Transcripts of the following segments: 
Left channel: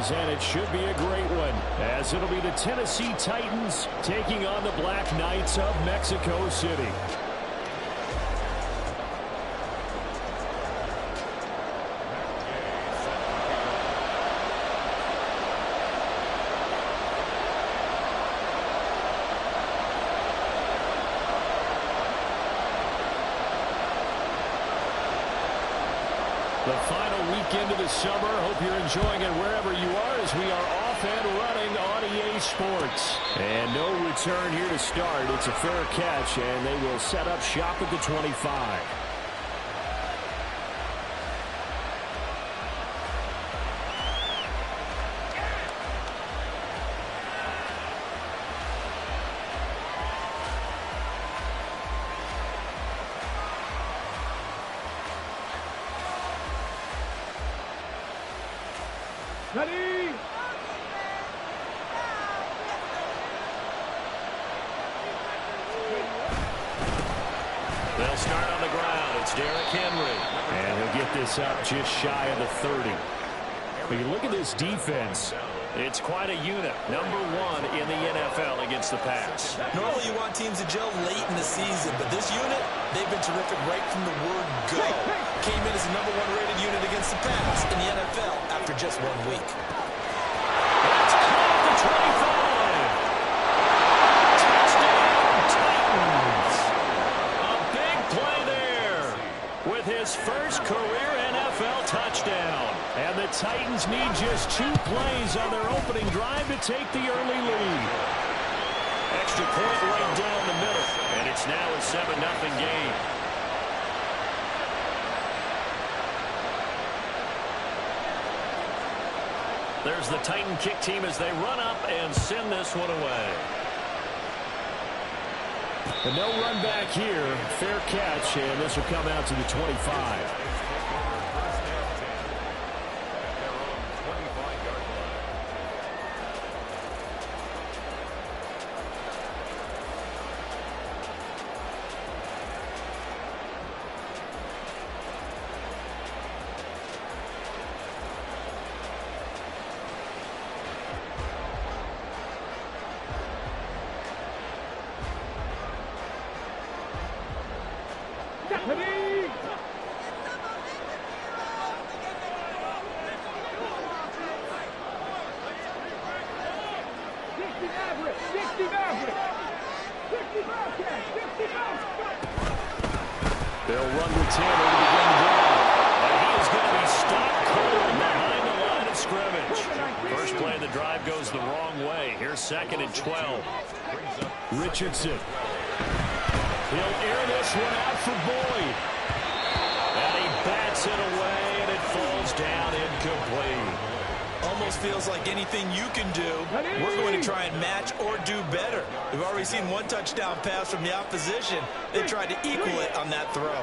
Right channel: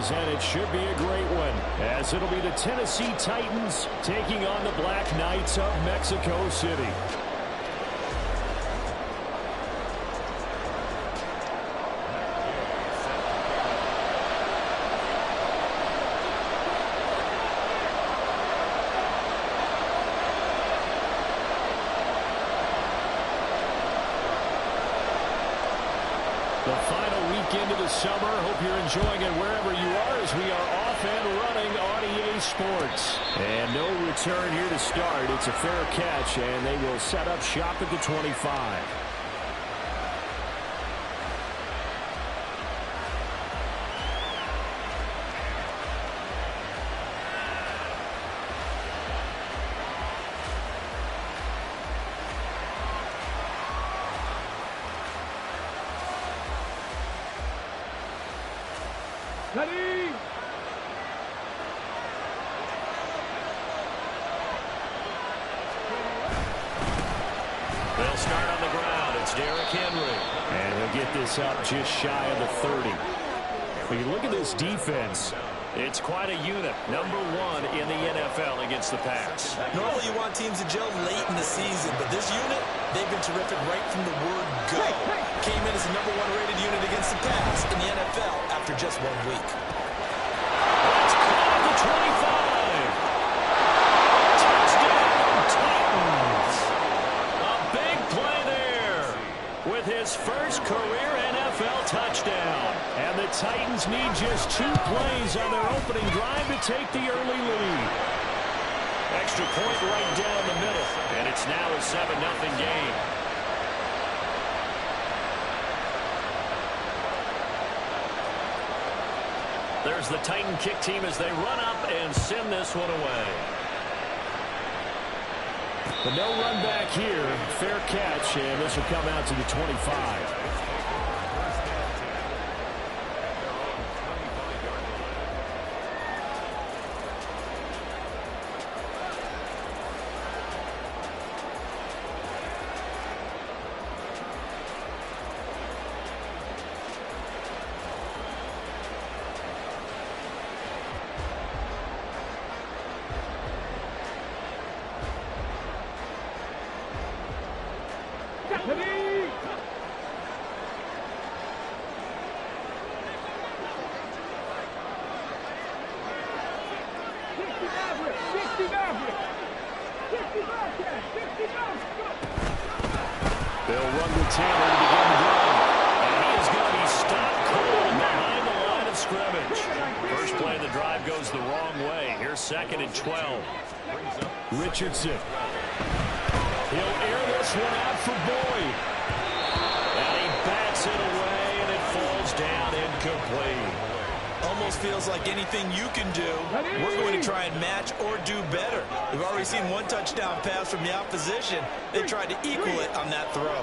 is, and it should be a great one, as it'll be the Tennessee Titans taking on the Black Knights of Mexico City. The final weekend of the summer. Hope you're enjoying it wherever you are, as we are off and running on EA Sports. And no return here to start. It's a fair catch, and they will set up shop at the 25. Ready? They'll start on the ground. It's Derrick Henry. And he'll get this up just shy of the 30. When you look at this defense, it's quite a unit. Number one in the NFL against the pass. Normally you want teams to gel late in the season, but this unit, they've been terrific right from the word go. Came in as the number one rated unit against the pass in the NFL after just 1 week. That's caught at the 25. Touchdown, Titans. A big play there with his first career NFL touchdown. And the Titans need just 2 plays on their opening drive to take the early lead. Extra point right down the middle. And it's now a 7-0 game. There's the Titan kick team as they run up and send this one away. The no run back here. Fair catch, and this will come out to the 25. They'll run with Tanner to begin the drive. And he is going to be stopped cold behind the line of scrimmage. First play of the drive goes the wrong way. Here's 2nd and 12. Richardson. He'll air this one out for Boyd. And he bats it away, and it falls down incomplete. Almost feels like anything you can do, we're going to try and match or do better. We've already seen 1 touchdown pass from the opposition. They tried to equal it on that throw.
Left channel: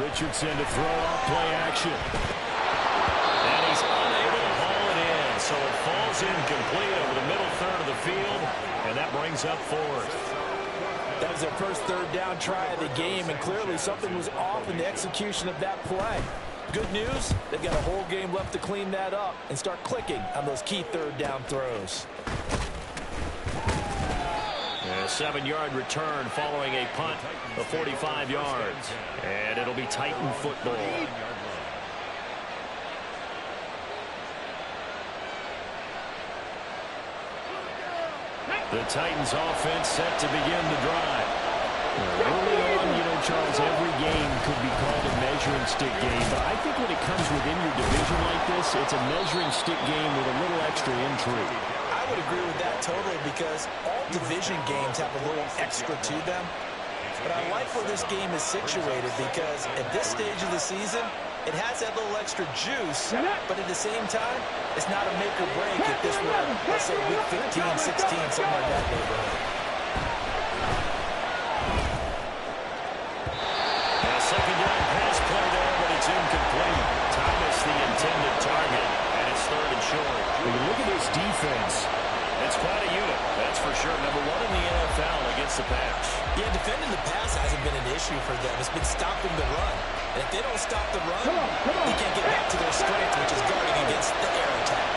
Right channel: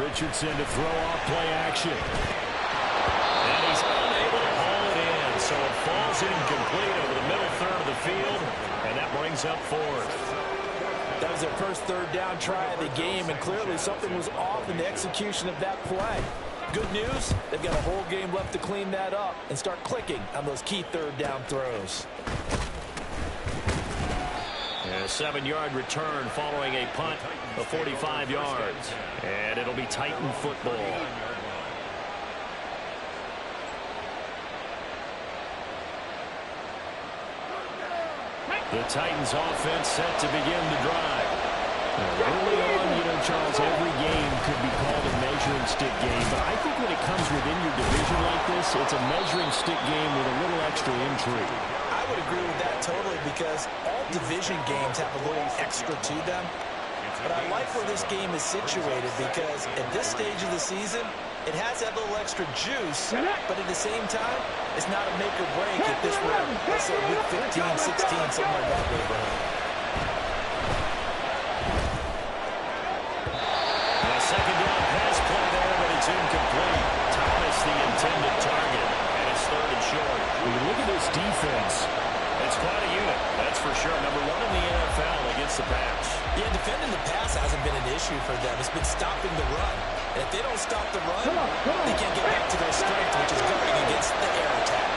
Richardson to throw off play action. And he's unable to haul it in, so it falls incomplete over the middle third of the field, and that brings up 4th. That was their first 3rd down try of the game, and clearly something was off in the execution of that play. Good news, they've got a whole game left to clean that up and start clicking on those key 3rd down throws. And a 7-yard return following a punt of 45 yards. And it'll be Titan football. The Titans offense set to begin the drive. Early on, you know, Charles, every game could be called a measuring stick game, but I think when it comes within your division like this, it's a measuring stick game with a little extra intrigue. I would agree with that totally, because all division games have a little extra to them. But I like where this game is situated, because at this stage of the season, it has that little extra juice, but at the same time, it's not a make or break if this were, let's say, week 15, 16, somewhere in that neighborhood. A 2nd down pass play there, but it's incomplete. Thomas the intended target, and it's 3rd and short. When you look at this defense, It's quite a unit, that's for sure. Number one in the NFL against the pass. Yeah, defending the pass hasn't been an issue for them. It's been stopping the run. And if they don't stop the run, they can't get back to their strength, which is guarding against the air attack.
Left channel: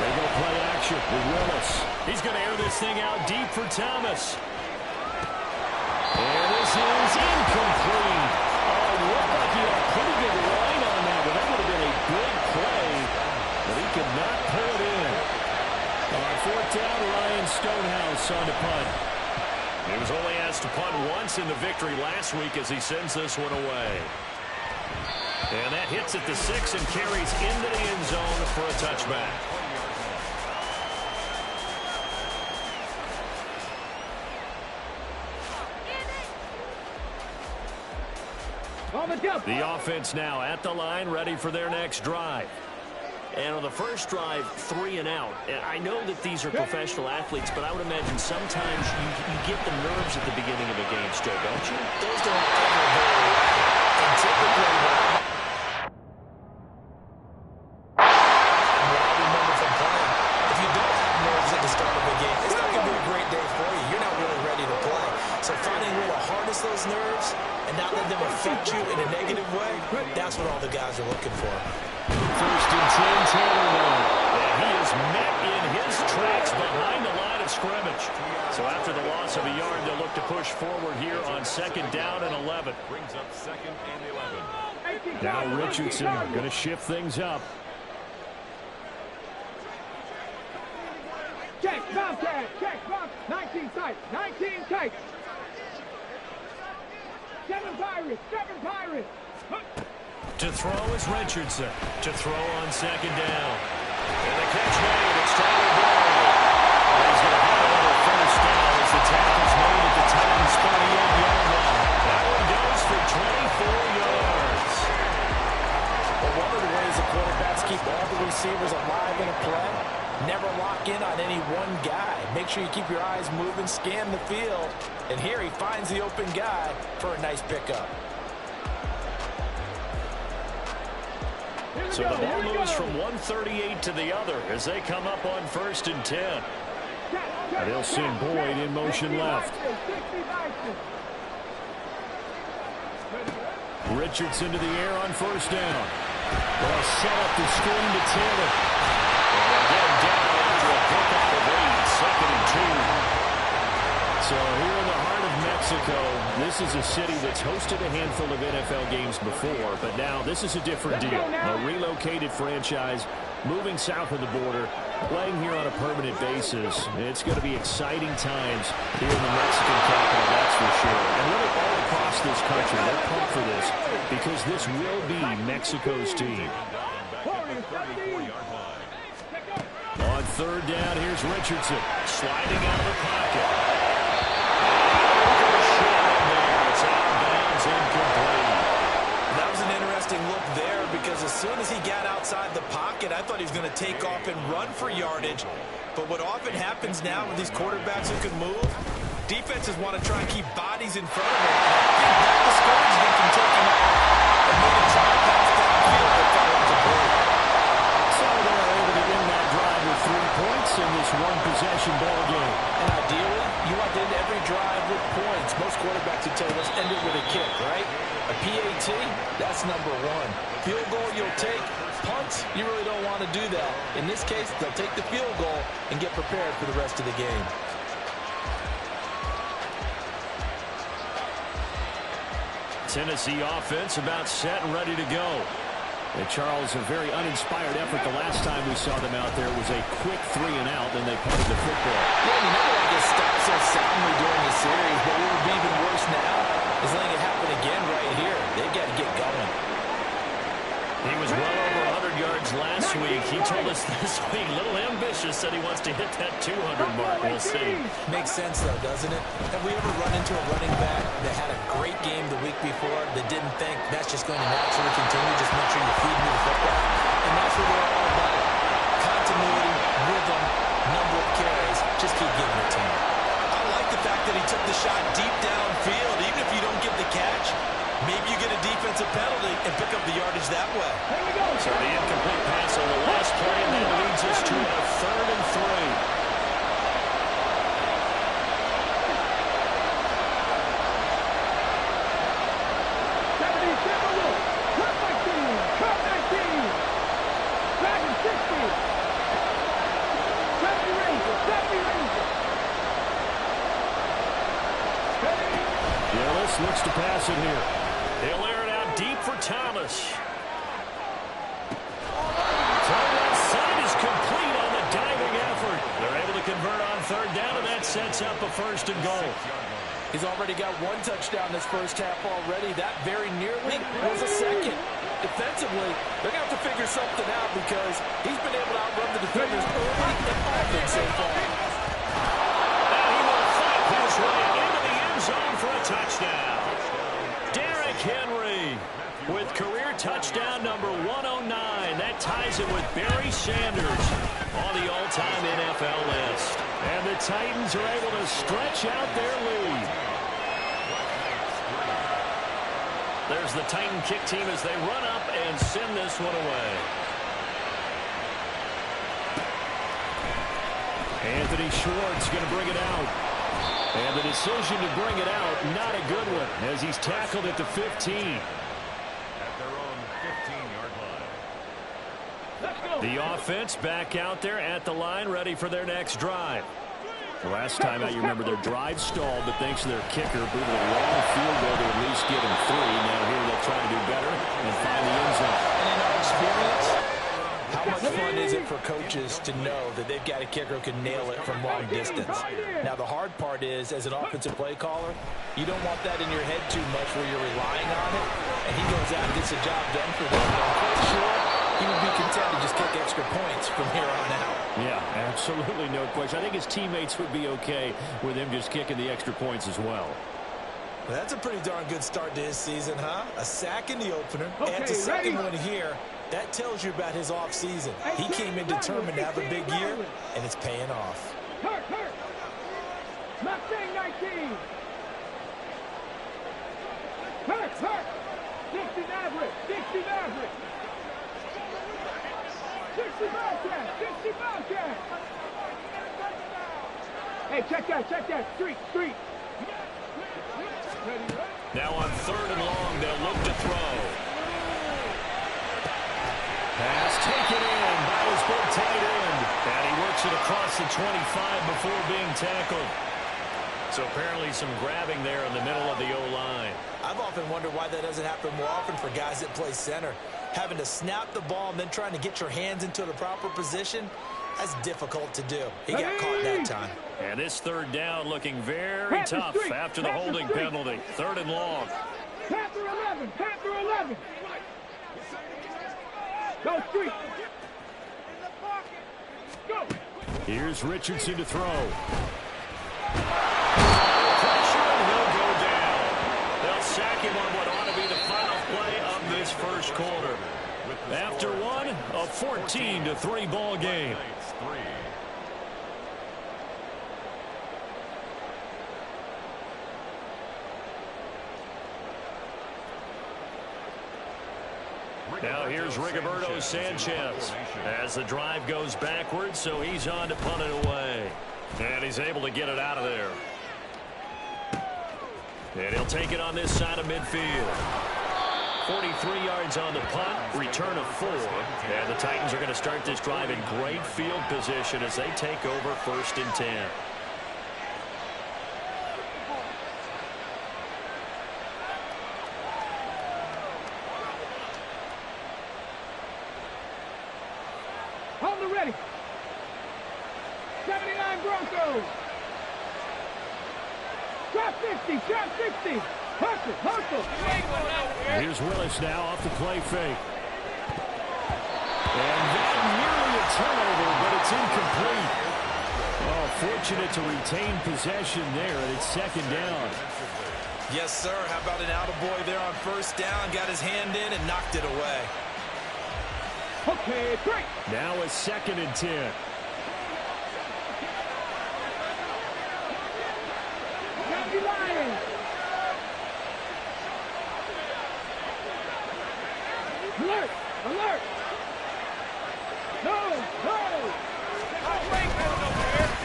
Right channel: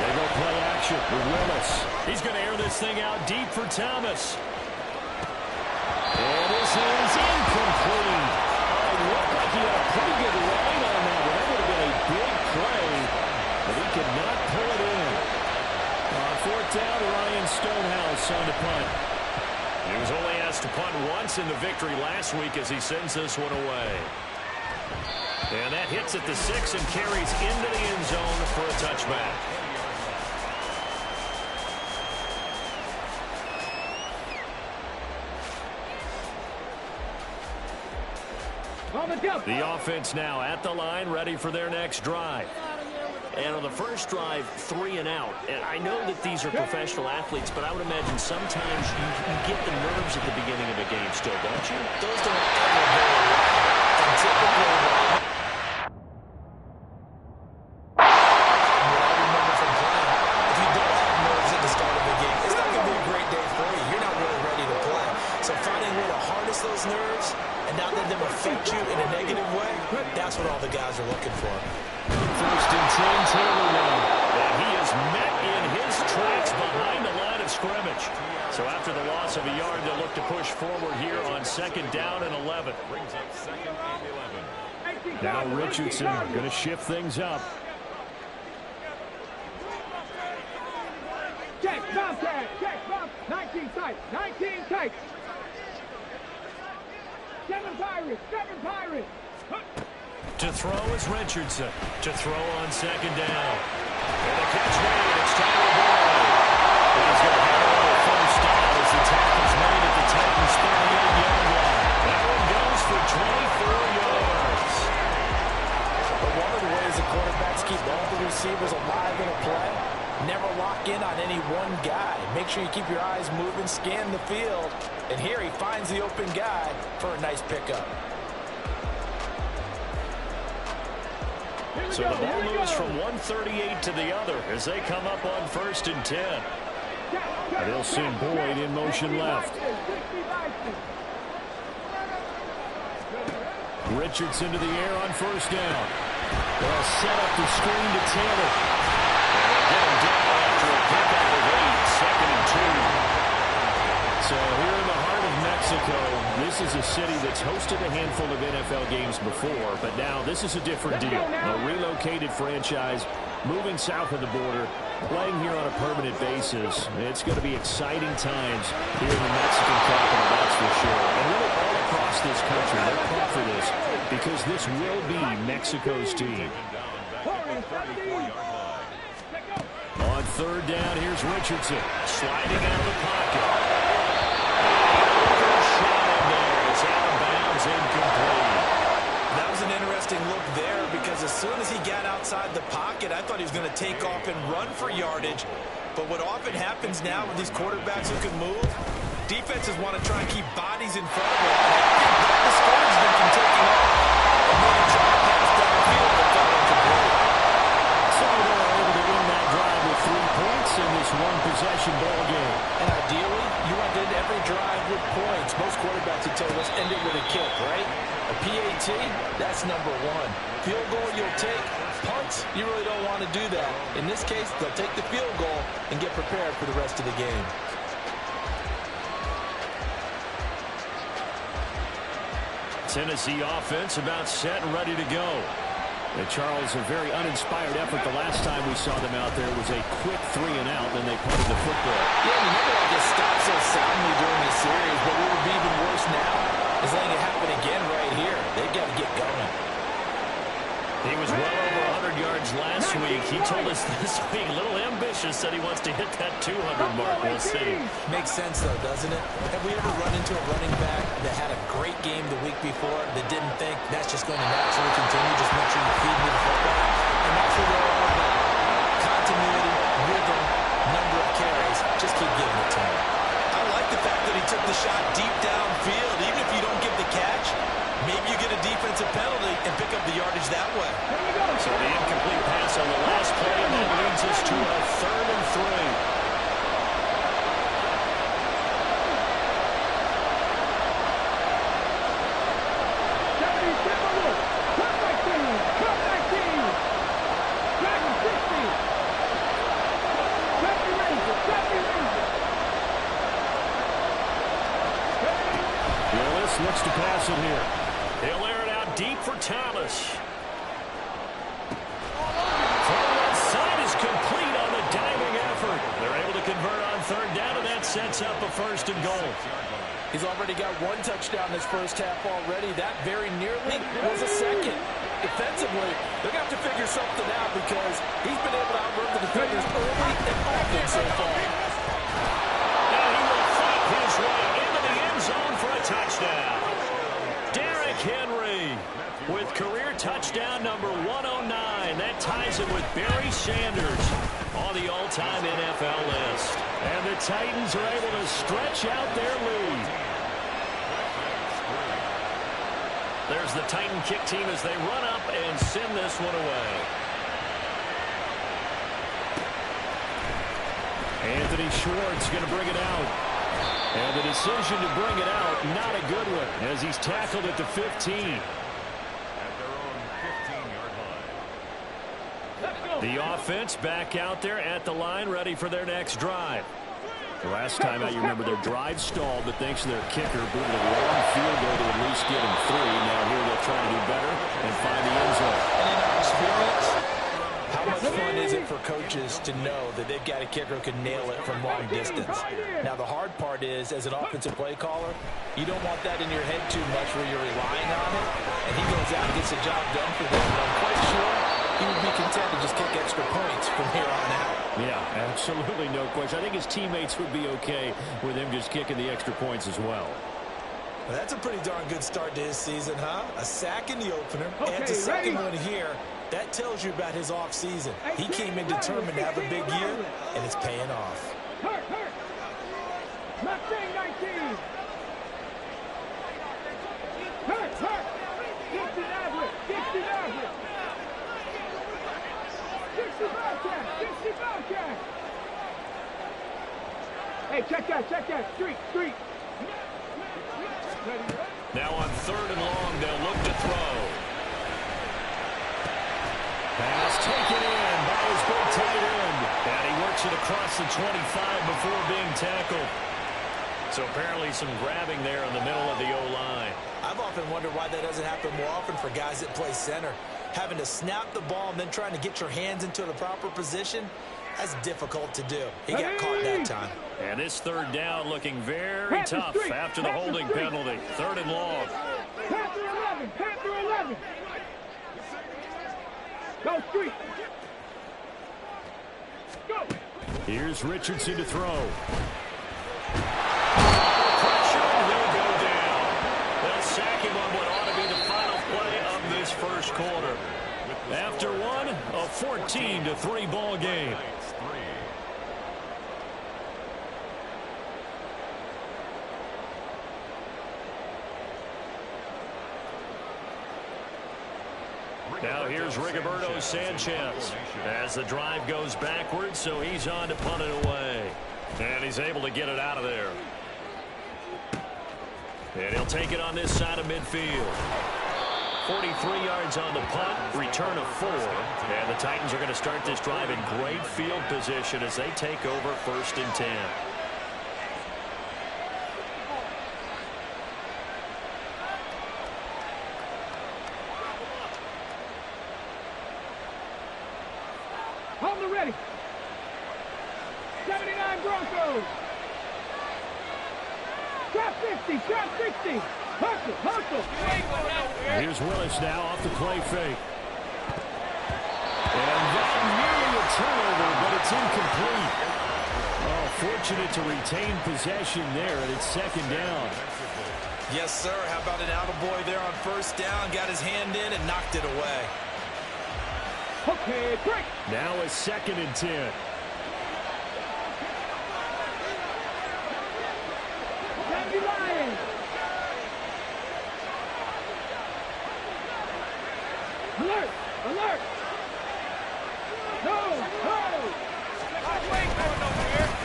They go play action with Willis. He's going to air this thing out deep for Thomas. And this is incomplete. Oh, it looked like he had a pretty good line on that one. That would have been a big play, but he could not pull it in. On fourth down, Ryan Stonehouse on to punt. He was only asked to punt once in the victory last week as he sends this one away. And that hits at the 6 and carries into the end zone for a touchback. The offense now at the line, ready for their next drive. And on the first drive, 3 and out. And I know that these are professional athletes, but I would imagine sometimes you get the nerves at the beginning of a game still, don't you? Those don't ever go away. And typically what I remember from playing, if you don't have nerves at the start of a game, it's not going to be a great day for you. You're not really ready to play. So finding a way to harness those nerves and not let them affect you in a negative way, that's what all the guys are looking for. First and 10, Taylor now. And he is met in his tracks behind the line of scrimmage. So after the loss of a yard, they'll look to push forward here on 2nd down and 11. Brings up 2nd and 11. Now Richardson going to shift things up. Check, Bobcat, check, Bob. 19 tight, 19 tight. 7 Pirates, 7 Pirates. To throw is Richardson. To throw on 2nd down. And the catch made. It's Tyler Boyd. And he's going to have another first down as the tackle's made at the Titans' 38-yard line. That one goes for 24 yards. But one of the ways the quarterbacks keep all the receivers alive in a play, never lock in on any one guy. Make sure you keep your eyes moving, scan the field. And here he finds the open guy for a nice pickup. So the ball moves from 138 to the other as they come up on 1st and 10. They'll send Boyd in motion left. Richardson to the air on 1st down. Well, set up the screen to Taylor. And they'll get him down after a pickup of 8, 2nd and 2. So here in the heart of Mexico, this is a city that's hosted a handful of NFL games before, but now this is a different deal. A relocated franchise moving south of the border, playing here on a permanent basis. It's going to be exciting times here in the Mexican capital, that's for sure. And really all across this country, they're pumped for this because this will be Mexico's team. On 3rd down, here's Richardson sliding out of the pocket. It's out of bounds, incomplete. That was an interesting look there because as soon as he got outside the pocket, I thought he was going to take off and run for yardage. But what often happens now with these quarterbacks who can move, defenses want to try and keep bodies in front of them. And I think that discouraged them from taking off and made him try to pass downfield but fell incomplete. So they're able to end that drive with 3 points in this one-possession ball game. And ideally, you want to end every drive with points. Most quarterbacks would tell you, let's end it with a kick, right? A PAT, that's number 1. Field goal you'll take. Punts, you really don't want to do that. In this case, they'll take the field goal and get prepared for the rest of the game. Tennessee offense about set and ready to go. And Charles, a very uninspired effort the last time we saw them out there was a quick 3 and out, then they punted the football. Yeah, and you never want to get stopped so soundly during a series, but what would be even worse now is letting it happen again right here. They've got to get going. He was well over 100 yards last week. He told us this week, a little ambitious, said he wants to hit that 200 mark. We'll see. Makes sense, though, doesn't it? Have we ever run into a running back that had a great game the week before that didn't think that's just going to naturally continue? Just make sure you feed me the football. And that's what we're all about. Continuity, rhythm, number of carries. Just keep giving it to him. I like the fact that he took the shot deep downfield. Even if you don't get the catch, maybe you get a defensive penalty and pick up the yardage that way. Here we go. So the incomplete pass on the last play, and that leads us to a 3rd and 3. Willis looks to pass it here. He'll air it out deep for Thomas. Throw left side is complete on the diving effort. They're able to convert on 3rd down, and that sets up a 1st and goal. He's already got 1 touchdown this first half already. That very nearly was a 2nd. Defensively, they're going to have to figure something out because he's been able to outrun the defenders early and often so far. And he will fight his way into the end zone for a touchdown. Derrick Henry with career touchdown number 109. That ties it with Barry Sanders on the all-time NFL list. And the Titans are able to stretch out their lead. There's the Titan kick team as they run up and send this one away. Anthony Schwartz going to bring it out. And the decision to bring it out, not a good one, as he's tackled at the 15. At their own 15-yard line. Let's go. The offense back out there at the line, ready for their next drive. The last time out, you remember their drive stalled, but thanks to their kicker, booted a long field goal to at least get him 3. Now here they'll try to do better and find the end zone. And in our experience, how much fun is it for coaches to know that they've got a kicker who can nail it from long distance? Now, the hard part is, as an offensive play caller, you don't want that in your head too much where you're relying on it, and he goes out and gets the job done for them. And I'm quite sure he would be content to just kick extra points from here on out. Yeah, absolutely no question. I think his teammates would be okay with him just kicking the extra points as well. Well, that's a pretty darn good start to his season, huh? A sack in the opener, Okay, and a second ready? one here. That tells you about his offseason. He came in determined to have a big year, and it's paying off. Hurt. Mustang 19. Hurt. Dixon average. 60 Bobcat. Hey, check that. Street. Ready? Now on 3rd and long, they'll look to throw. Pass taken in by his big tight end. And he works it across the 25 before being tackled. So apparently some grabbing there in the middle of the O-line. I've often wondered why that doesn't happen more often for guys that play center. Having to snap the ball and then trying to get your hands into the proper position, that's difficult to do. He got caught that time. And this 3rd down looking very tough after the holding penalty. 3rd and long. Panther 11. Go street. Go. Here's Richardson to throw. Pressure, and he'll go down. They'll sack him on what ought to be the final play of this first quarter. After one, a 14-3 ball game. Now here's Rigoberto Sanchez as the drive goes backwards, so he's on to punt it away. And he's able to get it out of there. And he'll take it on this side of midfield. 43 yards on the punt, return of 4. And the Titans are going to start this drive in great field position as they take over 1st and 10. On the ready. 79 Broncos. Trap 60. Hustle. Here's Willis now off the play fake. And that nearly a turnover, but it's incomplete. Oh, fortunate to retain possession there, and it's 2nd down. Yes, sir. How about an attaboy there on 1st down? Got his hand in and knocked it away. Okay, break. Now a 2nd and 10. Alert! Alert! No! No!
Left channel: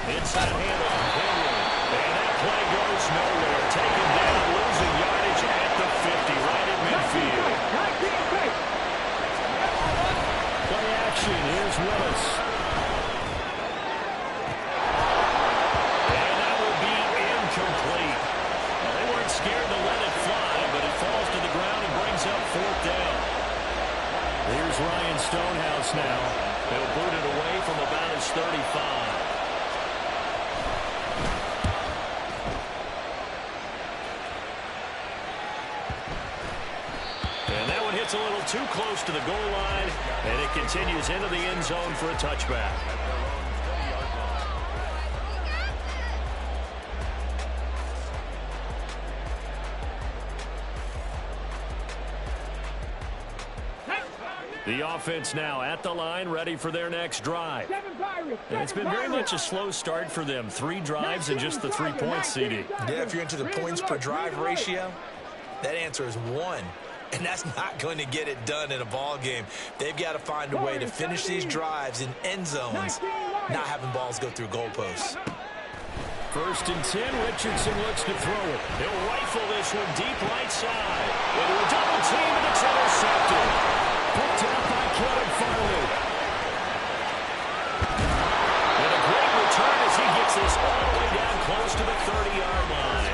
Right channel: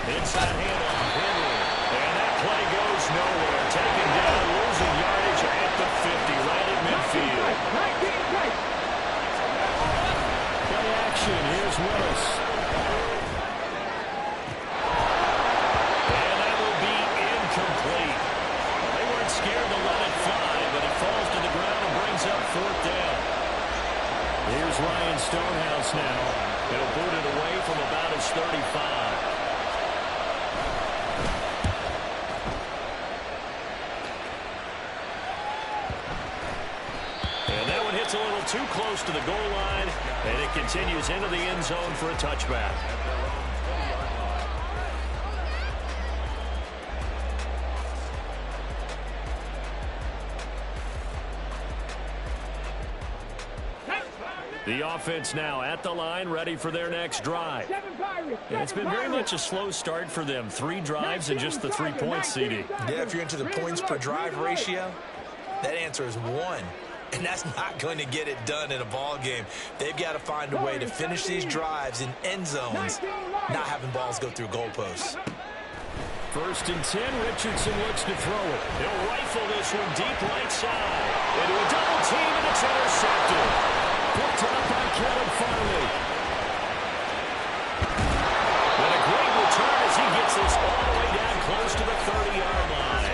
Inside handoff, Henry. And that play goes nowhere. Taken down, losing yardage at the 50, right at midfield. 19 tight. Play action. Here's Willis. And that will be incomplete. Well, they weren't scared to let it fly, but it falls to the ground and brings up 4th down. Here's Ryan Stonehouse now. He'll boot it away from about his 35. And that one hits a little too close to the goal line, and it continues into the end zone for a touchback. The offense now at the line, ready for their next drive. And it's been very much a slow start for them. 3 drives and just the 3 points, CD. Yeah, if you're into the points per drive ratio, that answer is 1. And that's not going to get it done in a ball game. They've got to find a way to finish these drives in end zones, not having balls go through goalposts. 1st and 10, Richardson looks to throw it. He'll rifle this one deep right side. Into a double team, and it's intercepted. Picked up by Caleb Farley. And a great return as he gets this all the way down close to the 30-yard line.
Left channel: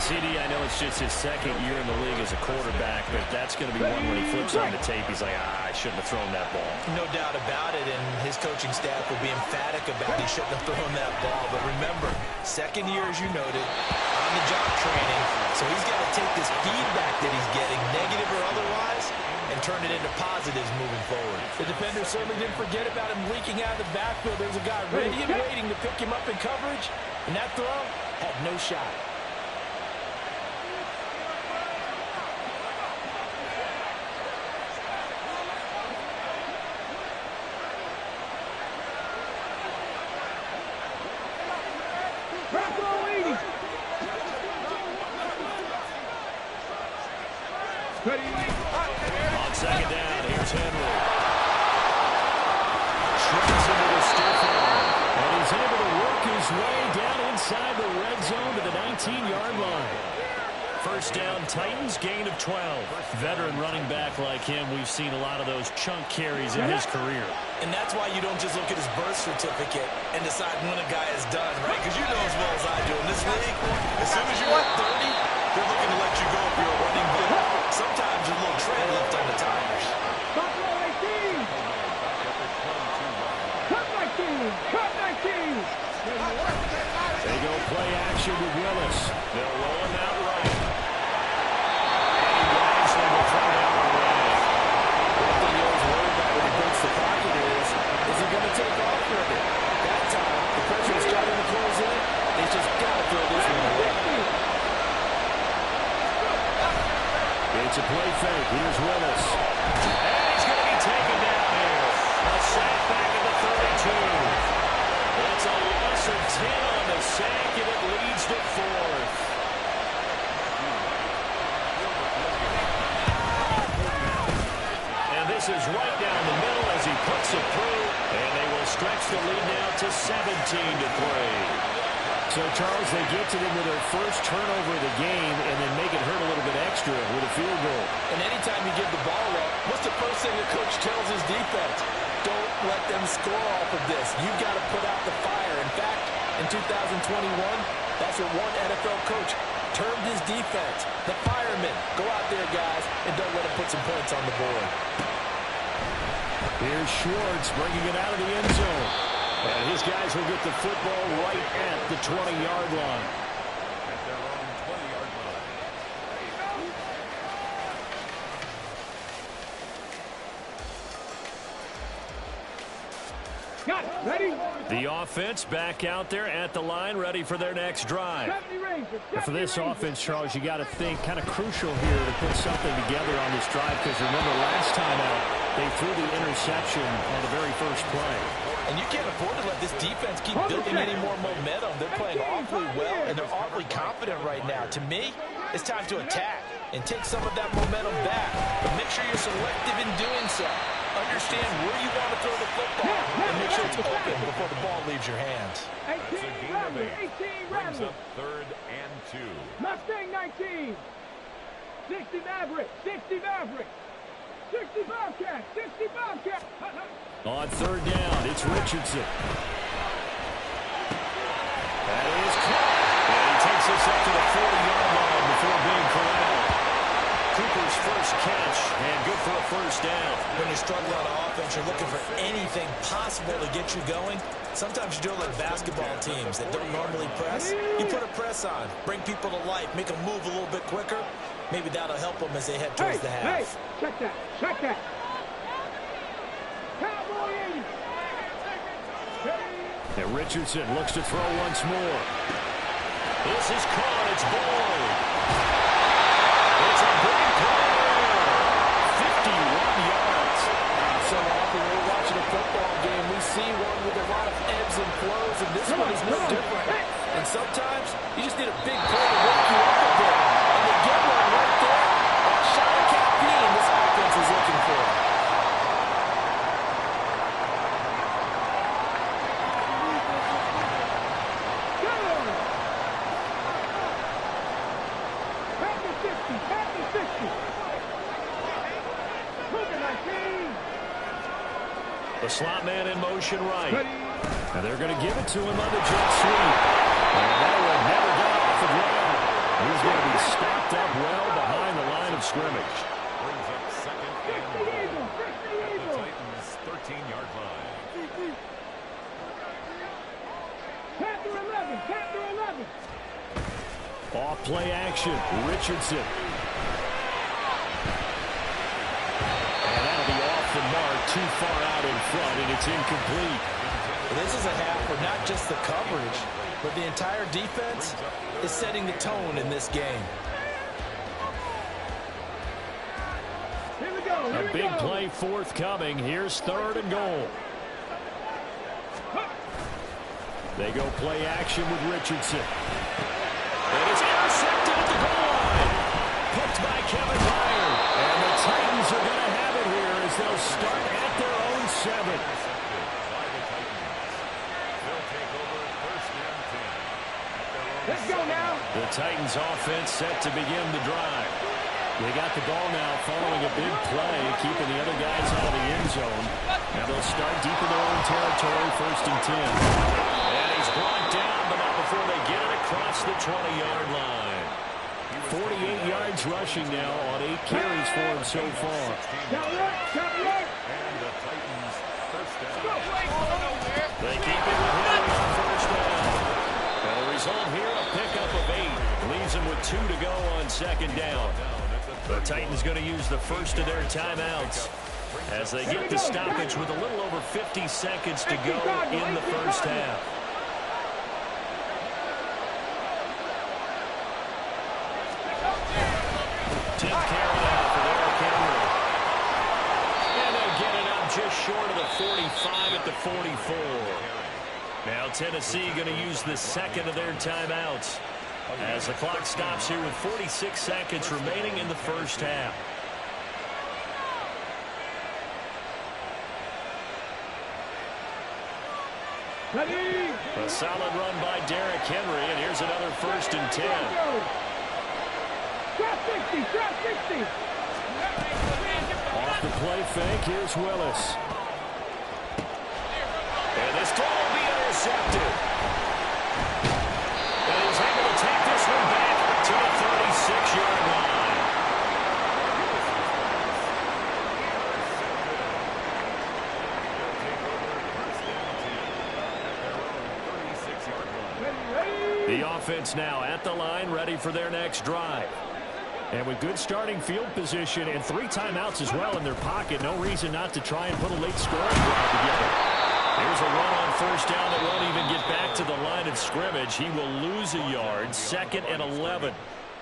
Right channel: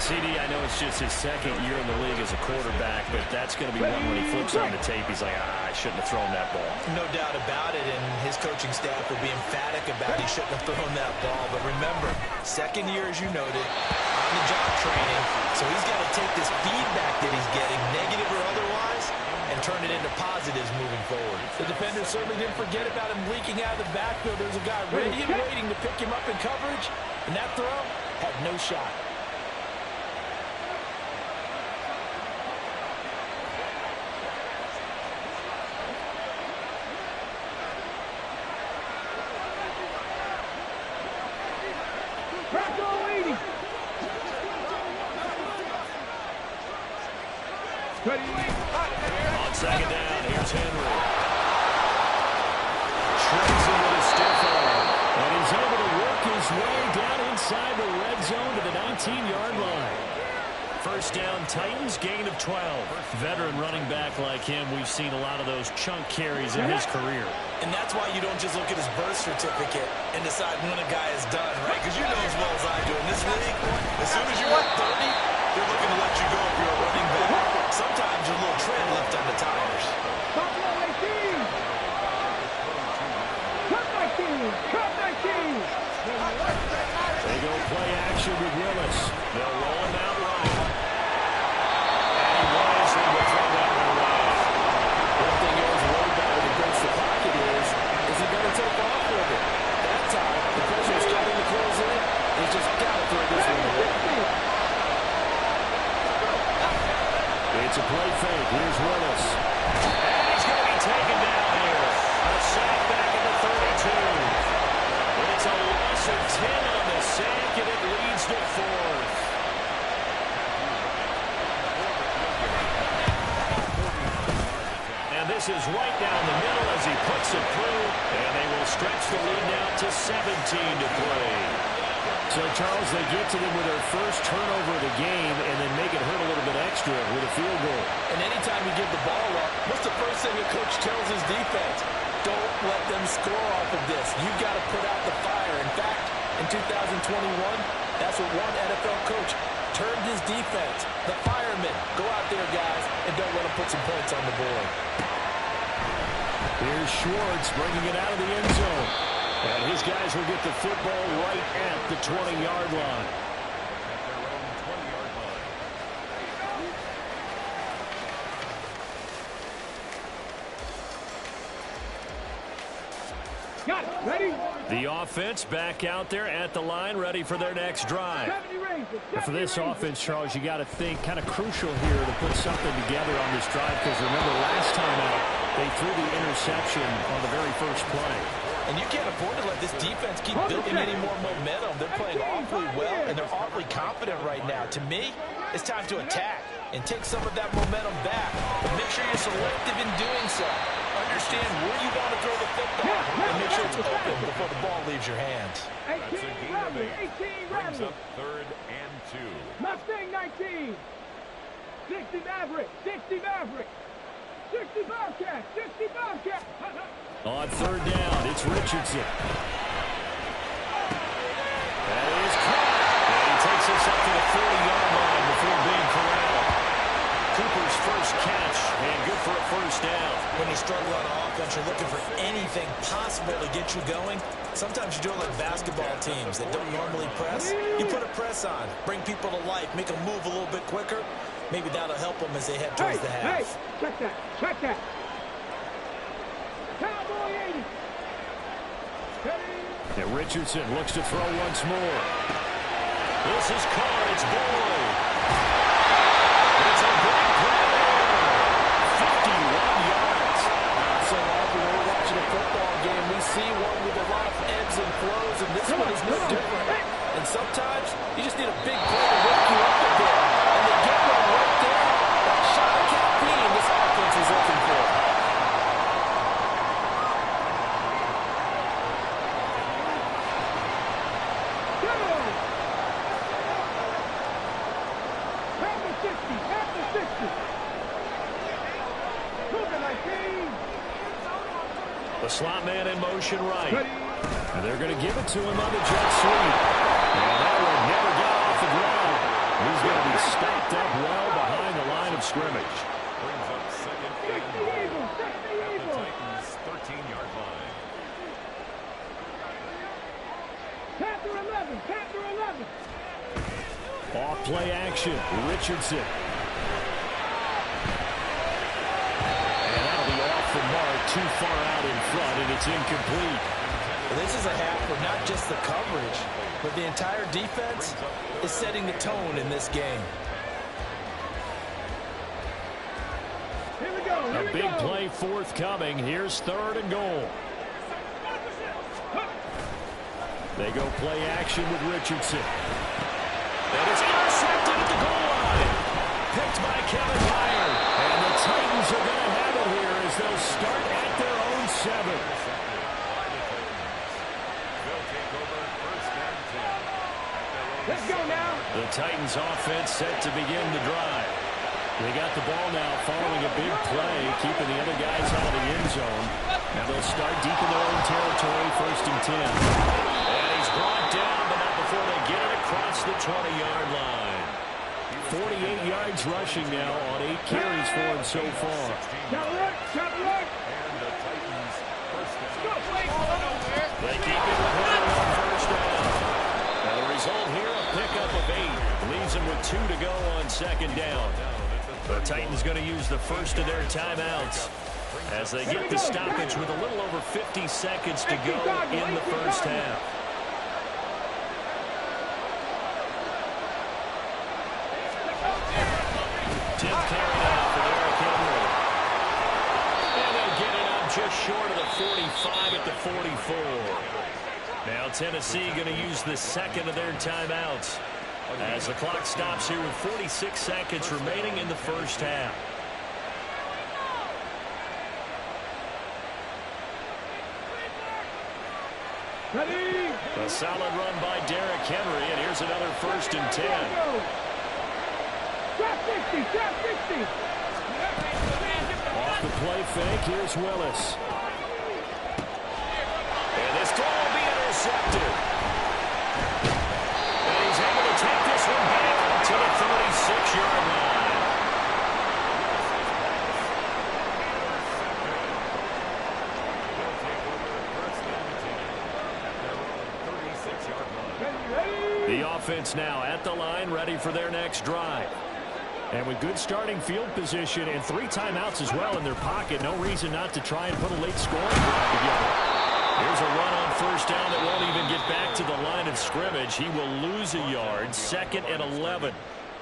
CD, I know it's just his 2nd year in the league as a quarterback, but that's going to be one when he flips on the tape. He's like, I shouldn't have thrown that ball. No doubt about it, and his coaching staff will be emphatic about he shouldn't have thrown that ball. But remember, 2nd year, as you noted, on-the-job training, so he's got to take this feedback that he's getting, negative or otherwise, and turn it into positives moving forward. The defender certainly didn't forget about him leaking out of the backfield. There's a guy ready and waiting to pick him up in coverage, and that throw had no shot. On 2nd down, here's Henry. Shreds into the stiff arm. And he's able to work his way down inside the red zone to the 19-yard line. 1st down, Titans, gain of 12. Veteran running back like him, we've seen a lot of those chunk carries in his career. And that's why you don't just look at his birth certificate and decide when a guy is done, right? Because you know as well as I do, in this league, as soon as you're at 30, they're looking to let you go if you're a running back. Sometimes there's a little tread left on the tires. Buffalo 18. Cut 19. Cut 19. They go play action with Willis. They'll roll him out right. And he wisely will throw that one away. One thing you're always worried about when he breaks the pocket is he going to take off with it? That time, the pressure is starting to close in. He's just got to throw this one away. It's a play fake. Here's Willis. And he's going to be taken down here. A sack back at the 32. It's a loss of 10 on the sack, and it leads to 4th. And this is right down the middle as he puts it through, and they will stretch the lead now to 17-3. So, Charles, they get to them with their first turnover of the game and then make it hurt a little bit extra with a field goal. And anytime you give the ball up, what's the first thing a coach tells his defense? Don't let them score off of this. You've got to put out the fire. In fact, in 2021, that's what one NFL coach termed his defense. The firemen. Go out there, guys, and don't let them put some points on the board. Here's Schwartz bringing it out of the end zone. And his guys will get the football right at the 20-yard line. At their own 20-yard line. Got it. Ready? The offense back out there at the line, ready for their next drive. 70 Rangers. And for this offense, Charles, you got to think kind of crucial here to put something together on this drive, because remember last time out, they threw the interception on the very first play. And you can't afford to let this defense keep building any more momentum. They're playing awfully well, and they're awfully confident right now. To me, it's time to attack. and take some of that momentum back. But make sure you're selective in doing so. Understand where you want to throw the football and make sure it's open before the ball leaves your hands. That's a gain of 8. Brings up 3rd and 2. Mustang 19. 60 Maverick. 60 Maverick. 60 Bobcat. 60 Bobcat. On 3rd down, it's Richardson. That is caught. And he takes us up to the 40-yard line before being corralled. Cooper's first catch, and good for a first down. When you struggle on offense, you're looking for anything possible to get you going. Sometimes you do it like basketball teams that don't normally press. You put a press on, bring people to life, make them move a little bit quicker. Maybe that'll help them as they head towards the half. Hey, check that. Check that. Cowboy 80. And Richardson looks to throw once more. This is caught. It's Boyd. It's a big play there. 51 yards. So often when we're watching a football game, we see one with a lot of ebbs and flows, and this one is no different. And sometimes you just need a big play to wake you up a bit. And they get one right there. That shot of caffeine this offense is looking for. The slot man in motion right. And they're going to give it to him on the jet sweep. And that one never got off the ground. He's going to be stopped up well behind the line of scrimmage. Brings up 2nd and goal at the Titans' 13-yard line. Panther 11. Panther 11. Off play action. Richardson. And that'll be off the mark, too far out in front, and it's incomplete. Well, this is a half where not just the coverage, but the entire defense is setting the tone in this game. Here we go. A big play forthcoming. Here's 3rd and goal. They go play action with Richardson. And it's intercepted at the goal line. Picked by Kevin Byard. And the Titans are going to have it here as they'll start at their own 7. Intercepted by the Titans. They'll take over 1st and 10 at their own. Let's go now. The Titans offense set to begin the drive. They got the ball now following a big play, keeping the other guys out of the end zone. Now they'll start deep in their own territory, 1st and 10. And he's brought down, but not before they get it across the 20-yard line. 48 yards rushing now on 8 carries for him so far. And the Titans' first down. They keep it with Henry on 1st down. Now the result here, a pickup of 8. Leaves them with 2 to go on 2nd down. The Titans going to use the first of their timeouts as they get the stoppage with a little over 50 seconds to go in the first half. 10th carry now for Derrick Henry. And they'll get it up just short of the 45 at the 44. Now Tennessee going to use the second of their timeouts as the clock stops here with 46 seconds remaining in the first half. Ready. A solid run by Derrick Henry, and here's another 1st and 10. Trap 60, trap 60. Off the play fake, here's Willis. And this throw will be intercepted. And he's able to take this one back to the 36-yard line. They'll take over 1st and 10 at their own 36-yard line. Ready. The offense now at the line, ready for their next drive. And with good starting field position and 3 timeouts as well in their pocket, no reason not to try and put a late scoring drive together. Here's a run on 1st down that won't even get back to the line of scrimmage. He will lose a yard, 2nd and 11.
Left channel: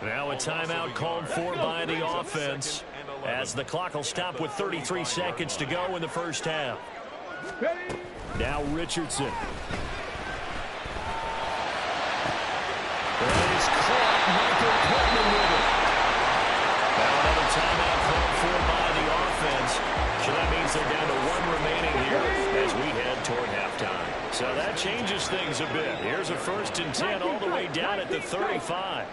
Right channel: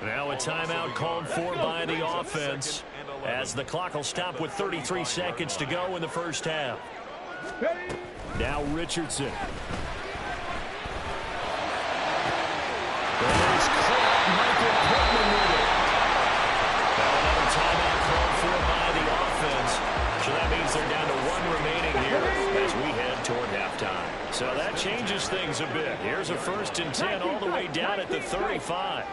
Now a timeout called for by the offense as the clock will stop with 33 seconds to go in the first half. Now Richardson. And he's caught Michael Pittman with it. So that means they're down to 1 remaining here as we head toward halftime. So that changes things a bit. Here's a 1st and 10 all the way down at the 35.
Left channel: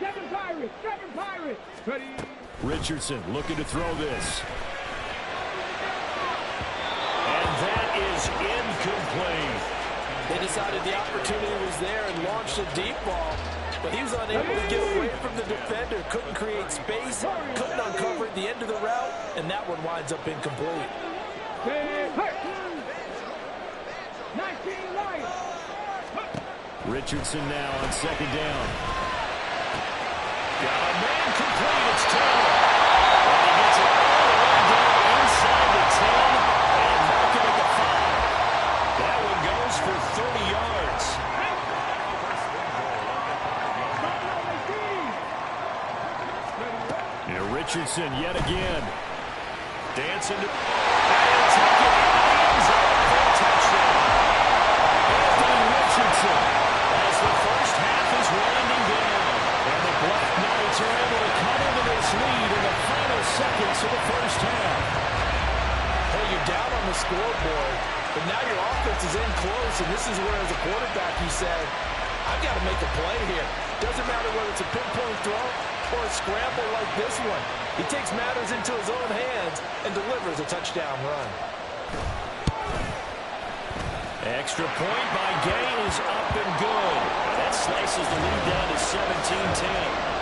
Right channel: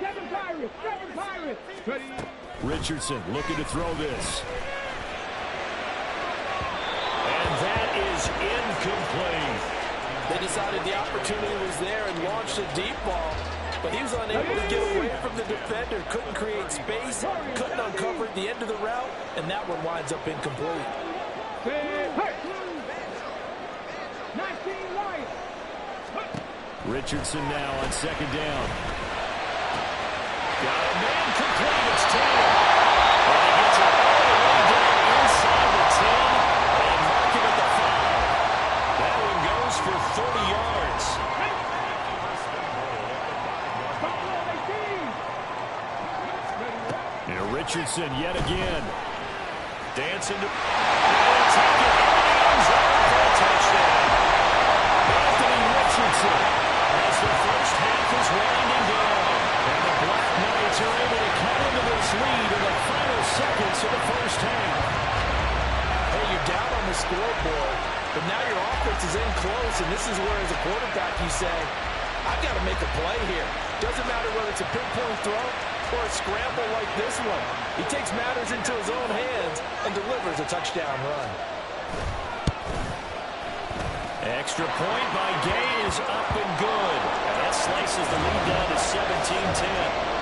7 Pirates, 7 Pirates. Ready. Richardson looking to throw this. And that is incomplete. They decided the opportunity was there and launched a deep ball, but he was unable to get away from the defender, couldn't create space, couldn't uncover at the end of the route, and that one winds up incomplete. 19 Lions. Richardson now on 2nd down. Got a man complete. It's Taylor. And he gets it all the way down inside the 10 and mark him at the 5. That one goes for 30 yards. And Richardson yet again. Dancing to... And take it into the end zone for a touchdown. Anthony Richardson as the first half is winding down. And the Black Knights are able to cut into this lead in the final seconds of the first half. Hey, you're down on the scoreboard, but now your offense is in close, and this is where, as a quarterback, you say, I've got to make a play here. Doesn't matter whether it's a pinpoint throw or a scramble like this one. He takes matters into his own hands and delivers a touchdown run. Extra point by Gay is up and good. And that slices the lead down to 17-10.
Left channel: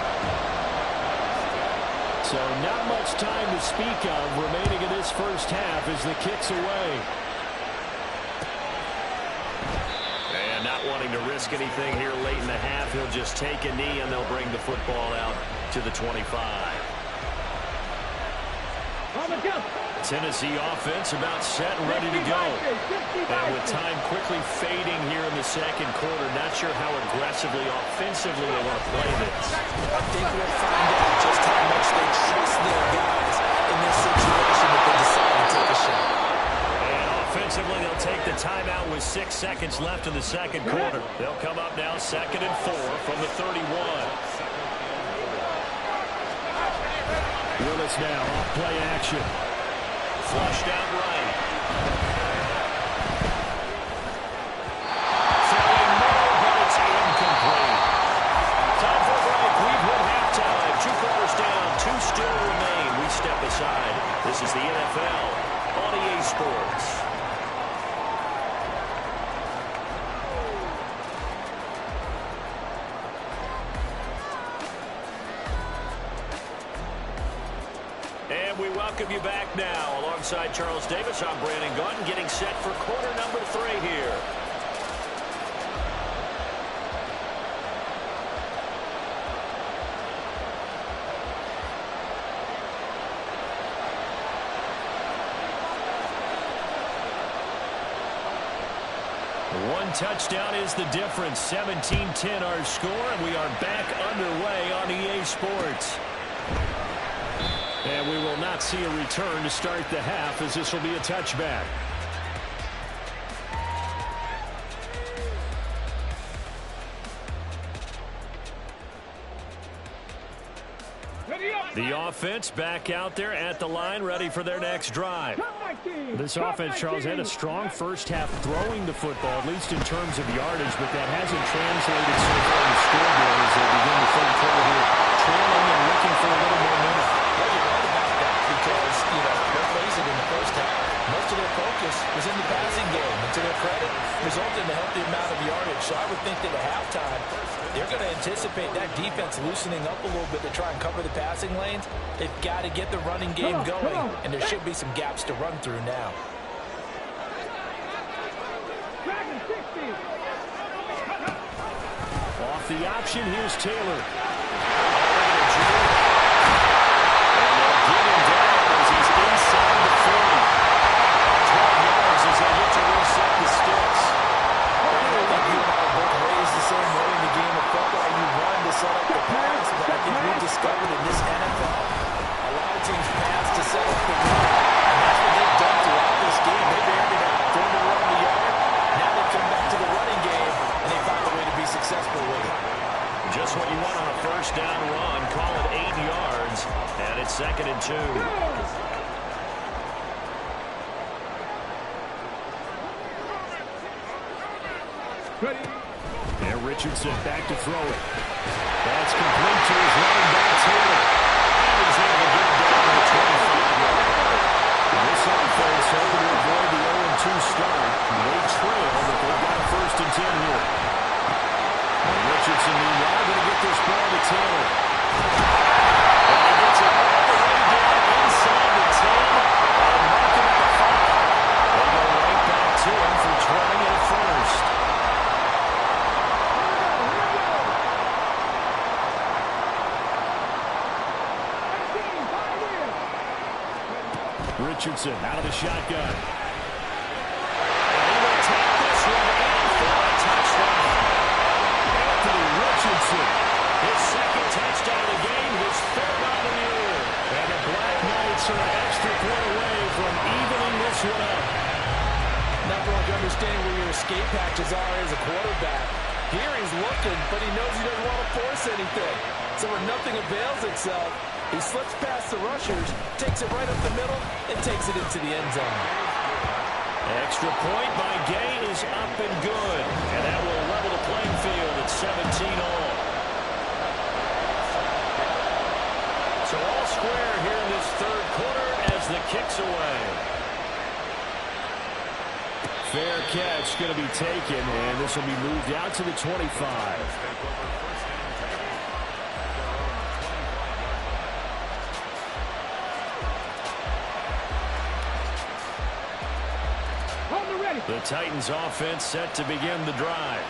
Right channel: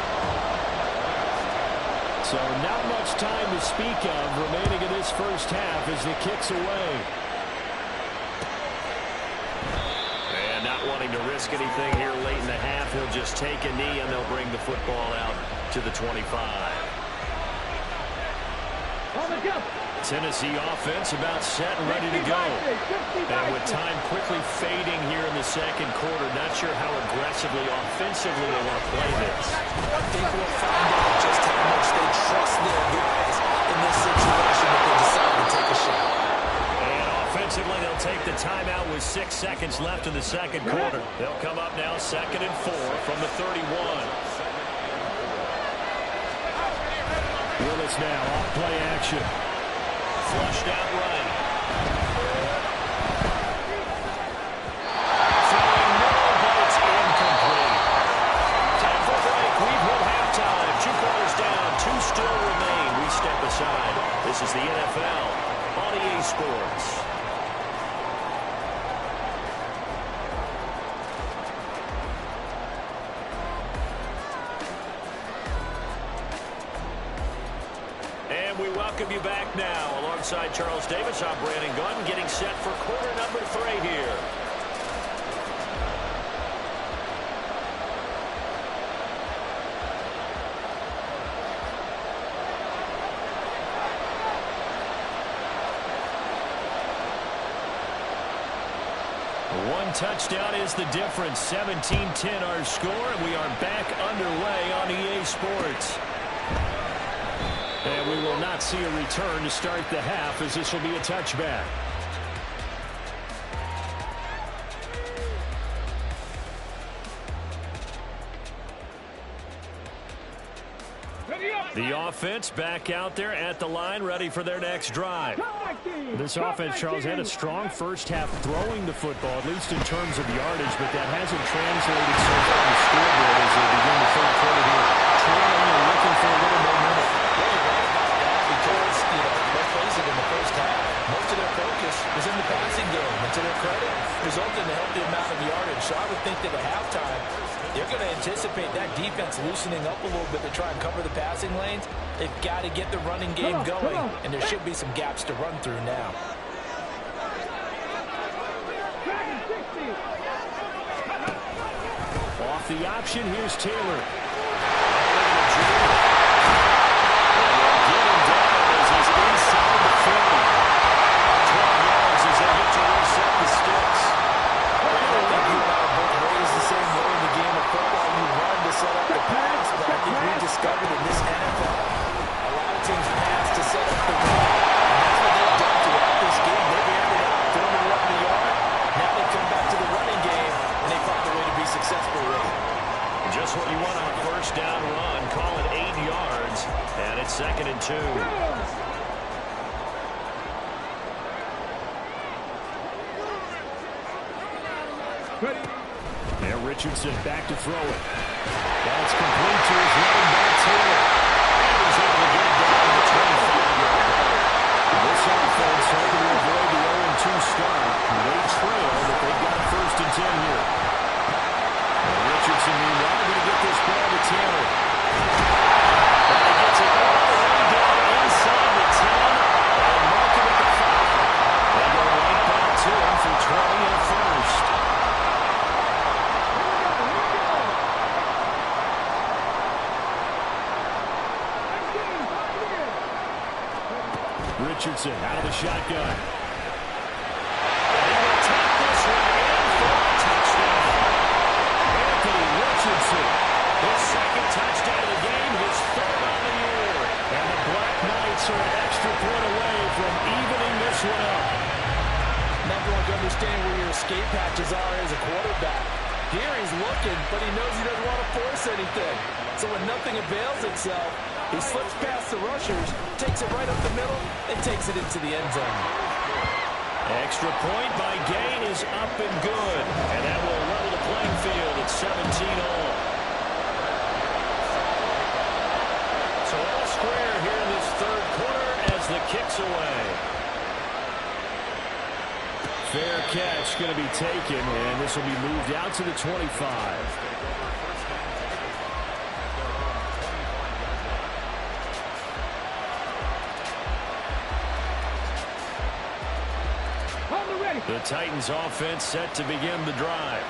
So not much time to speak of remaining in this first half as the kick's away. And not wanting to risk anything here late in the half, he'll just take a knee and they'll bring the football out to the 25. Tennessee offense about set and ready to go. And with time quickly fading here in the second quarter, not sure how aggressively, offensively they want to play this. I think we'll find out just how much they trust their guys in this situation if they decide to take a shot. And offensively, they'll take the timeout with 6 seconds left in the second quarter. They'll come up now 2nd and 4 from the 31. Willis now off play action. Flushed out right. Throwing no, but it's incomplete. Time for a break. We've hit halftime. 2 quarters down. 2 still remain. We step aside. This is the NFL on EA Sports. And we welcome you back now. Alongside Charles Davis, I'm Brandon Gaudin, getting set for quarter number 3 here. One touchdown is the difference. 17-10 our score, and we are back underway on EA Sports. And we will not see a return to start the half, as this will be a touchback. The offense back out there at the line, ready for their next drive. This offense, Charles, had a strong first half throwing the football, at least in terms of yardage, but that hasn't translated so far on the scoreboard as they begin the third quarter here, trailing and looking for a little momentum. Yeah, you're right about that because, let's face it, in the first half, most of their focus was in the passing game. And to their credit, resulted in a healthy amount of yardage. So I would think that at halftime, they're going to anticipate that defense loosening up a little bit to try and cover the passing lanes. They've got to get the running game going, and there should be some gaps to run through now. Off the option, here's Taylor. Inside the 40. 12 yards as they get to reset the sticks. I don't think you and I were both raised the same way in the game of football. You run to set up the pass, but I think we discovered in this NFL, a lot of teams pass to set up the run. And that's what they've done throughout this game. They've aired it out, thrown it around the yard. Now they've come back to the running game, and they find a way to be successful with it. Just what you want on a first down run. Call it 8 yards, and it's 2nd and 2. Ready. And Richardson back to throw it. That's complete to his running back, Taylor. And he's able to get it down to the 25-yard line. This offense hoping to avoid the 0-2 start. They trail, but they've got a 1st and 10 here. And Richardson, meanwhile, going to get this ball to Taylor. And he gets it all the way down inside the 10 and mark him at the 5. They go right back to him for 20 and a 1st. Richardson out of the shotgun. And he will take this one in for a touchdown. Anthony Richardson, his 2nd touchdown of the game, his 3rd on the year. And the Black Knights are an extra point away from evening this one up. Nothing like understanding where your escape hatches are as a quarterback. Here he's looking, but he knows he doesn't want to force anything. So when nothing avails itself, he slips past the rushers, takes it right up the middle, and takes it into the end zone. Extra point by Gay is up and good. And that will level the playing field at 17-all. So all square here in this 3rd quarter as the kick's away. Fair catch going to be taken, and this will be moved out to the 25. The Titans offense set to begin the drive.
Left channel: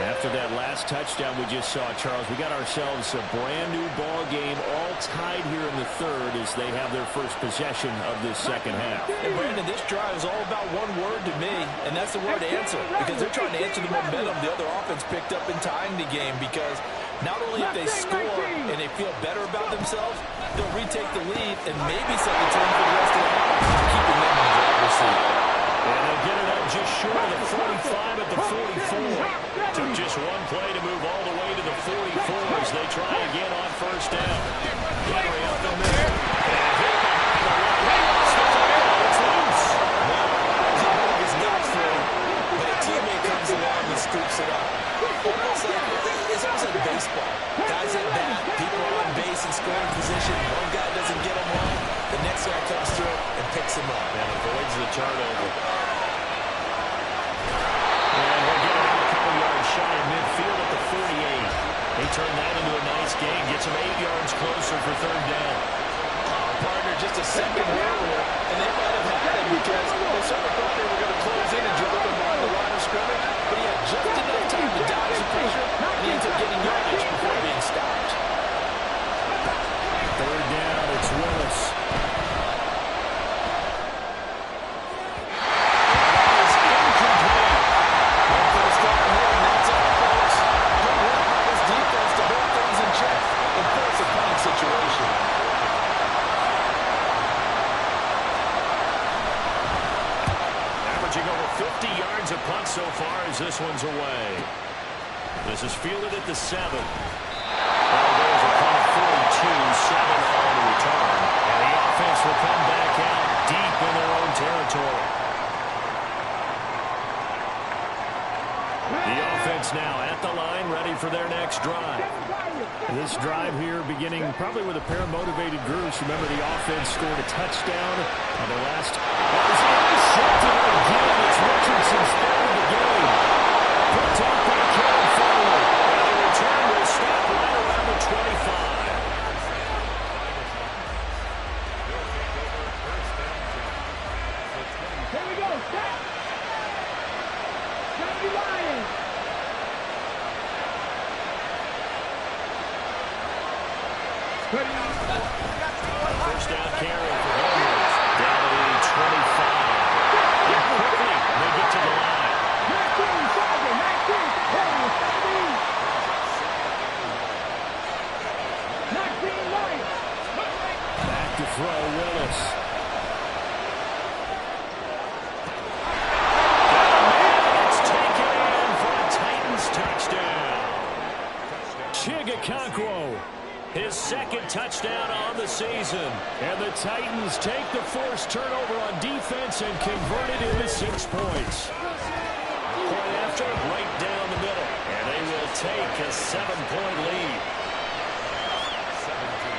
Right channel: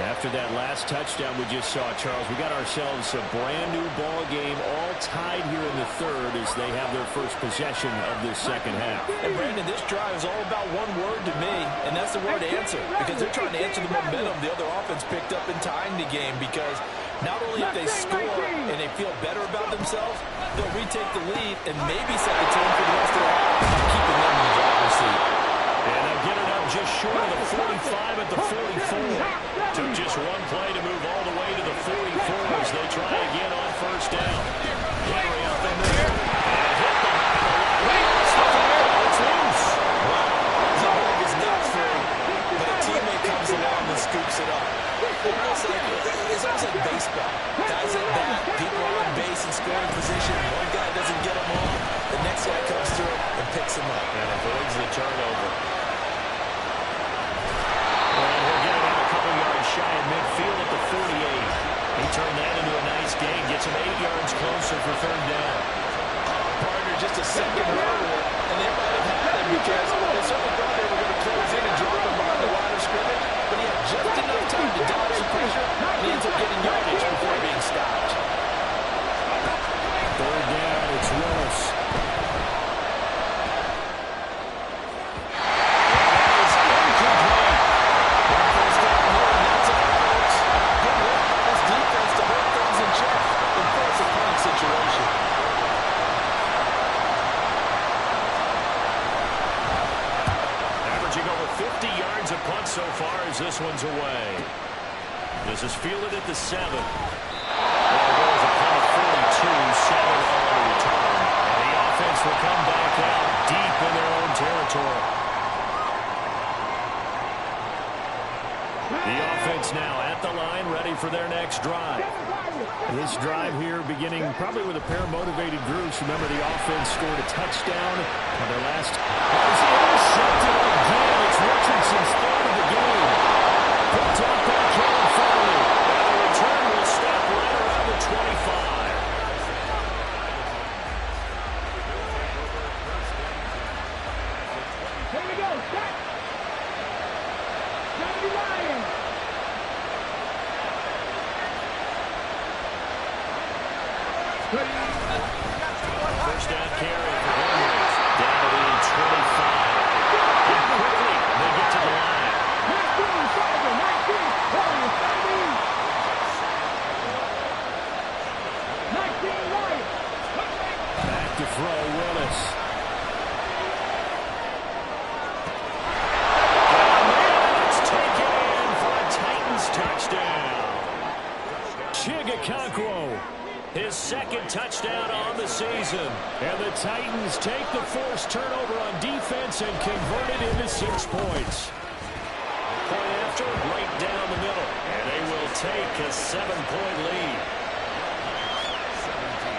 After that last touchdown we just saw, Charles, we got ourselves a brand new ball game, all tied here in the 3rd as they have their first possession of this 2nd half. And Brandon, this drive is all about one word to me, and that's the word answer, because they're trying to answer the momentum the other offense picked up in tying the game, because not only if they score and they feel better about themselves, they'll retake the lead and maybe set the tone for the rest of the half, keeping them in the driver's seat. And they'll get it up just short of the 45 at the 44. Took just one play to move all the way to the 44 as they try again on 1st down. Henry up in there and hit behind the line. He lost the football. It's loose. Wow. The ball is not free, but a teammate comes along and scoops it up. It's almost like baseball. Guys at bat, people are on base in scoring position. One guy doesn't get them all. The next guy comes through and picks him up. And avoids the turnover. And he'll get it out a couple yards shy of midfield at the 48. He turned that into a nice gain. Gets him 8 yards closer for 3rd down. Partner just a second earlier, and they might have had him because they certainly thought they were going to close in and drop him behind the line of scrimmage, but he had just enough time to dodge the pressure, and he ends up getting yardage before being stopped. 3rd down, it's Willis. And that is incomplete. One first down here, and that's all, folks. Good work by this defense to hold things in check and force a punting situation. Over 50 yards of punt so far as this one's away. This is fielded at the 7. Now goes a punt of 42, 7 on the return. And the offense will come back out deep in their own territory. The offense now at the line, ready for their next drive. This drive here beginning probably with a pair of motivated groups. Remember, the offense scored a touchdown on their last. That is intercepted again. It's Richardson's 3rd of the game. Picked up by Kevin Farley. And the return will stop right around the 25. Here we go. Set. Johnny Ryan. First down carry for Henry. Down to the 25. And quickly they get to the line. 19, Tiger, 19, Holy 17. 19, Ryan. Back to throw, Willis. It's taken in for a Titans touchdown. Chigakonkwo, his 2nd touchdown on the season. And the Titans take the forced turnover on defense and convert it into 6 points. Point after center right down the middle. And they will take a 7-point lead. 17.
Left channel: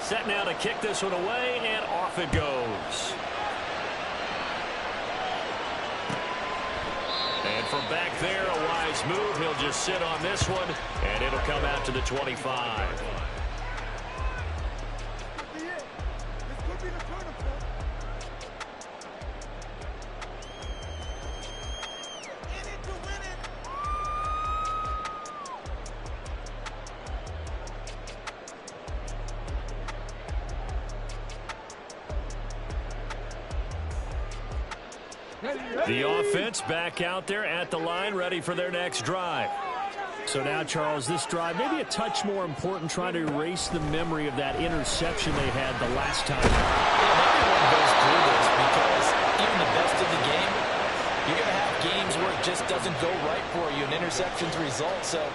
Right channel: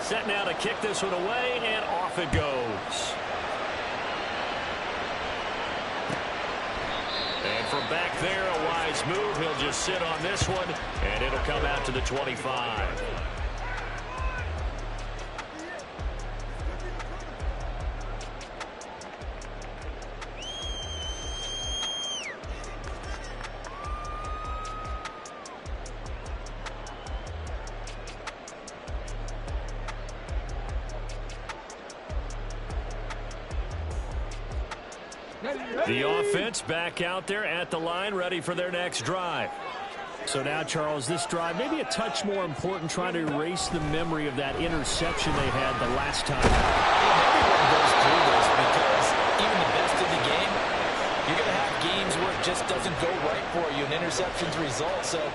Set now to kick this one away, and off it goes. And from back there, a wise move. He'll just sit on this one, and it'll come out to the 25. The offense back out there at the line, ready for their next drive. So now, Charles, this drive maybe a touch more important, trying to erase the memory of that interception they had the last time. And everyone goes through this because even the best in the game, you're going to have games where it just doesn't go right for you, and interceptions result. So,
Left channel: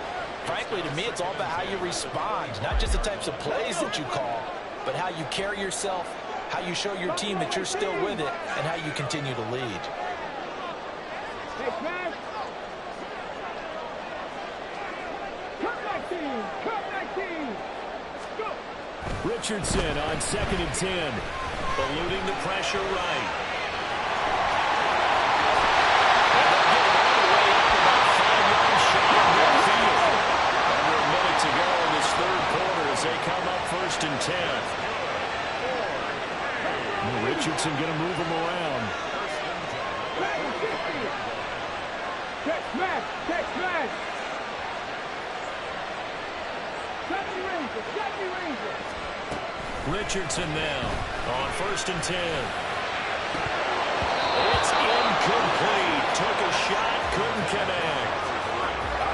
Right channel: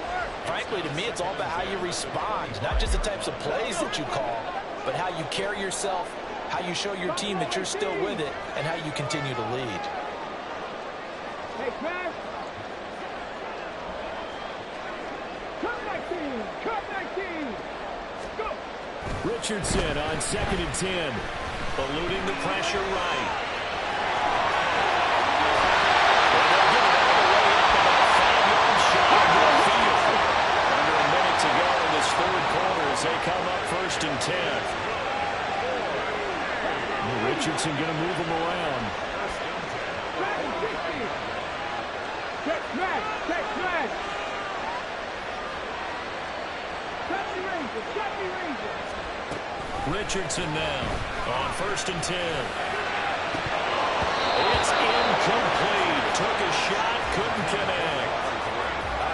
frankly, to me, it's all about how you respond, not just the types of plays that you call, but how you carry yourself, how you show your team that you're still with it, and how you continue to lead. Hey, smash. Cut 19. Cut 19. Go. Richardson on 2nd and 10. Eluding the pressure right. And they'll get it all the way up about 5 yards shy of midfield. Under a minute to go in this third quarter as they come up 1st and 10. Richardson going to move him around. Back and 60. Check smash. Check smash. 70 Rangers. 70 Rangers. Richardson now on 1st and 10. It's incomplete. Took a shot, couldn't connect.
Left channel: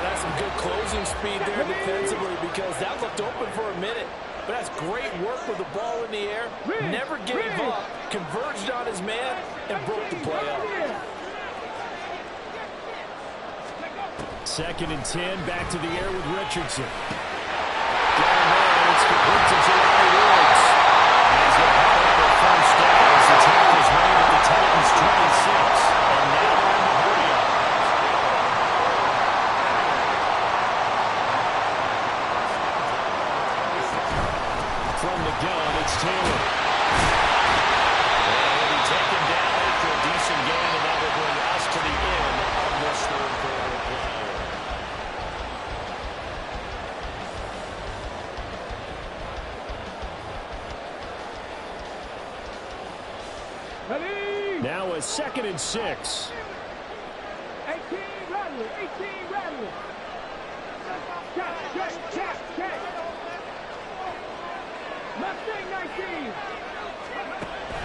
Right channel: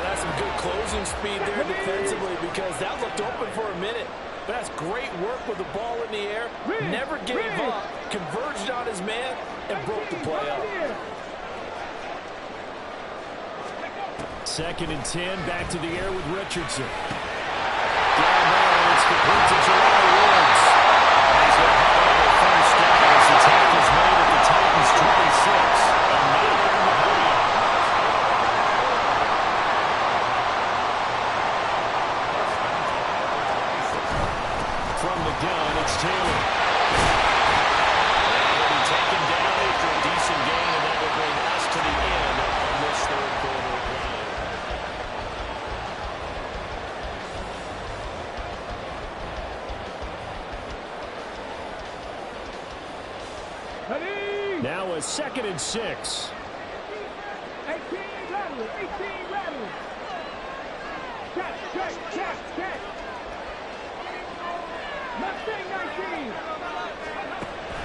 That's some good closing speed there defensively, because that looked open for a minute. But that's great work with the ball in the air. Never gave up, converged on his man, and broke the play up. 2nd and 10, back to the air with Richardson. Down there, and it's complete to Jelani Woods. And he's going to have another first down as the tackle's made at the Titans' 26. And now they're in the 40-yard. From the gun, it's Taylor. And he'll be taken down after a decent gain, and that will bring us to the end of this third quarter play. Now a 2nd and 6. 18 Rattler. 18 Rattler. Check, check, check, check. Mustang 19.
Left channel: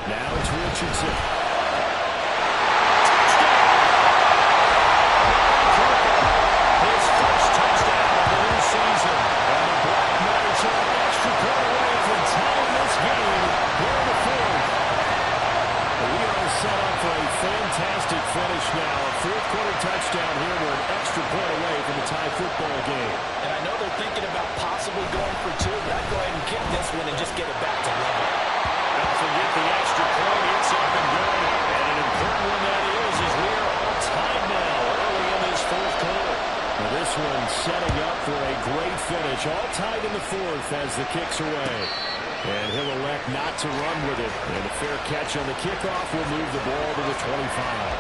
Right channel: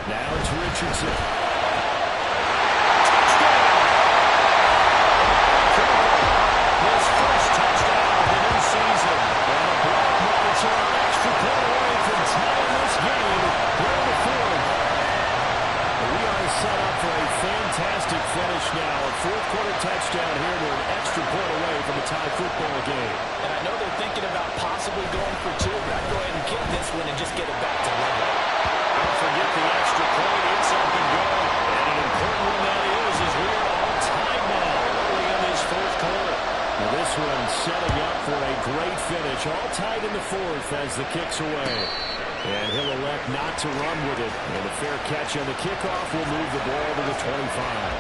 Now it's Richardson. His first touchdown of the new season. And the Black Knights are an extra point away from tying this game here in the fourth. We are set up for a fantastic finish now. A fourth-quarter touchdown here. We're an extra point away from a tie football game. And I know they're thinking about possibly going for 2, but I'd go ahead and kick this one and just get it back to level. Don't forget the extra point. It's up and good. And an important one that is, as we are all tied now early in this fourth quarter. Now this one setting up for a great finish. All tied in the fourth as the kick's away. And he'll elect not to run with it. And a fair catch on the kickoff will move the ball to the 25.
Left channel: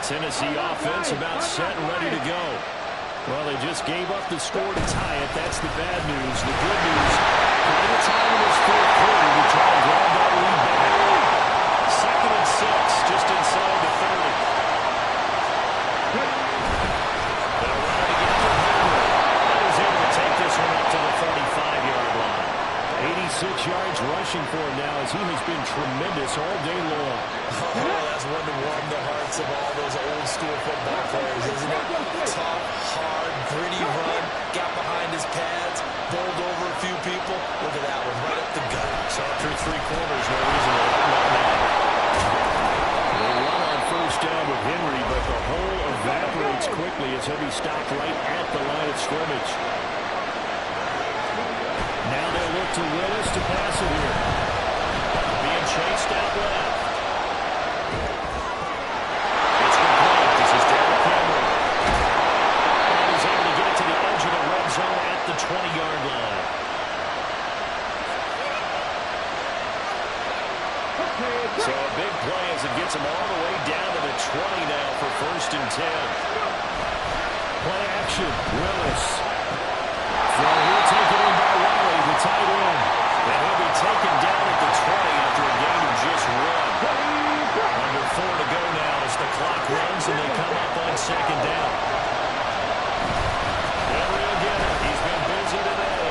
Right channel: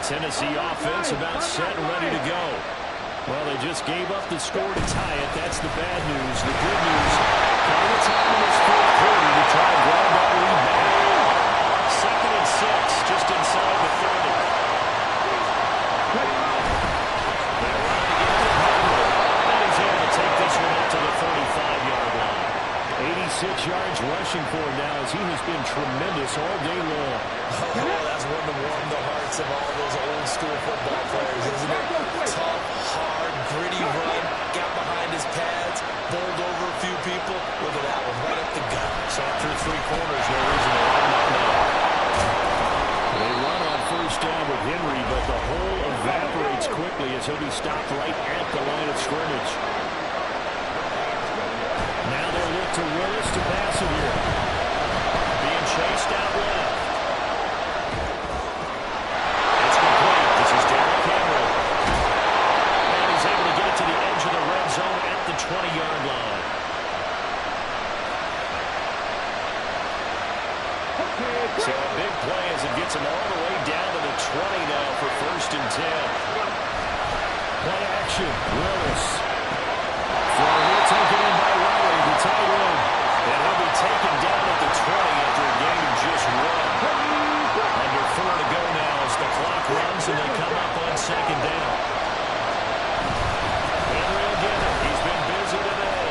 Tennessee offense about set and ready to go. Well, they just gave up the score to tie it. That's the bad news. The good news, plenty of time in this fourth quarter to try and grab that lead back. 2nd and 6, just inside the 30. They'll run it again with Henry. And he's able to take this one up to the 35-yard line. 86 yards rushing for him now, as he has been tremendous all day long. Oh, that's one to warm the hearts of all those old-school football players, isn't it? Tough, hard, gritty run, got behind his pads, bowled over a few people. Look at that one, right up the gut. Saw through three corners, no reason to open up now. They run on first down with Henry, but the hole evaporates quickly as he'll be stopped right at the line of scrimmage. Now they'll look to Willis to pass it here. Being chased out left. It's complete. This is Derrick Henry. And he's able to get it to the edge of the red zone at the 20-yard line. So a big play as it gets him all the way down to the 20 now for 1st and 10. Play action. Willis. Throw here taken in by Riley, the tight end. And he'll be taken down at the 20 after a gain of just 1. Under 4 to go now as the clock runs and they come up on 2nd down. Henry will get it. He's been busy today.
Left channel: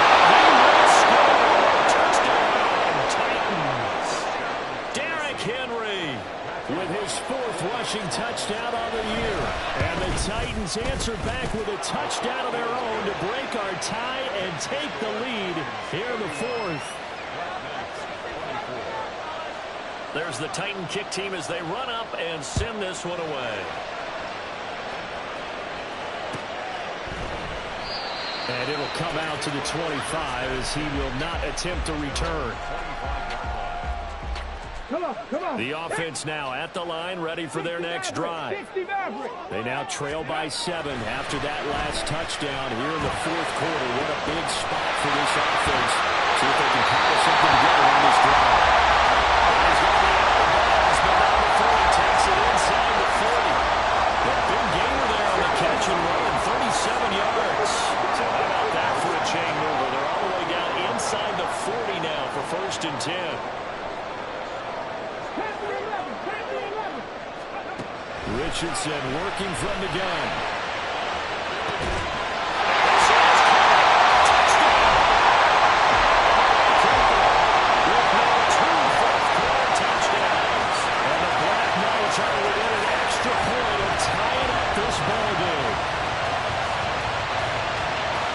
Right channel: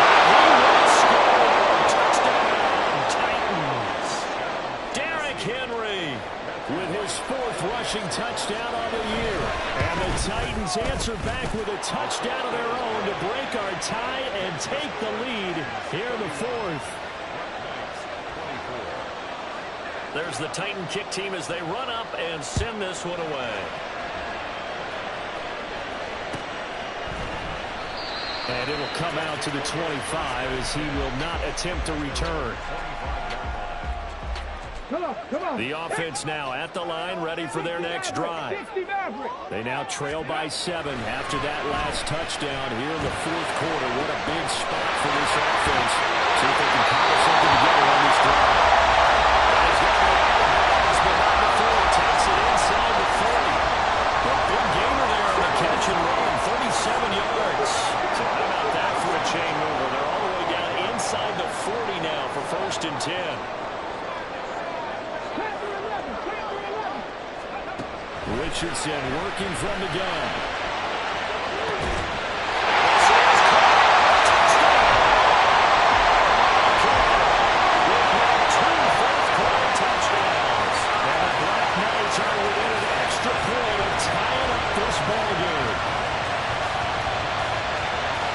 And he will score. Touchdown, Titans. Derrick Henry with his 4th rushing touchdown on the year. And the Titans answer back with a touchdown of their own to break our tie and take the lead here in the 4th. There's the Titan kick team as they run up and send this one away. And it'll come out to the 25 as he will not attempt to return. Come on. The offense now at the line, ready for their next drive. They now trail by 7 after that last touchdown here in the 4th quarter. What a big spot for this offense. See if they can cobble something together on this drive. And he's going to be out of bounds, but not before he takes it inside the 40. A big gainer there on the catch and run, 37 yards. So how about that for a chain mover? They're all the way down inside the 40 now for 1st and 10. Richardson working from the gun. This is caught. Touchdown. Cooper with now 2 fourth-quarter touchdowns. And the Black Knights are within an extra point of tying up this ball game.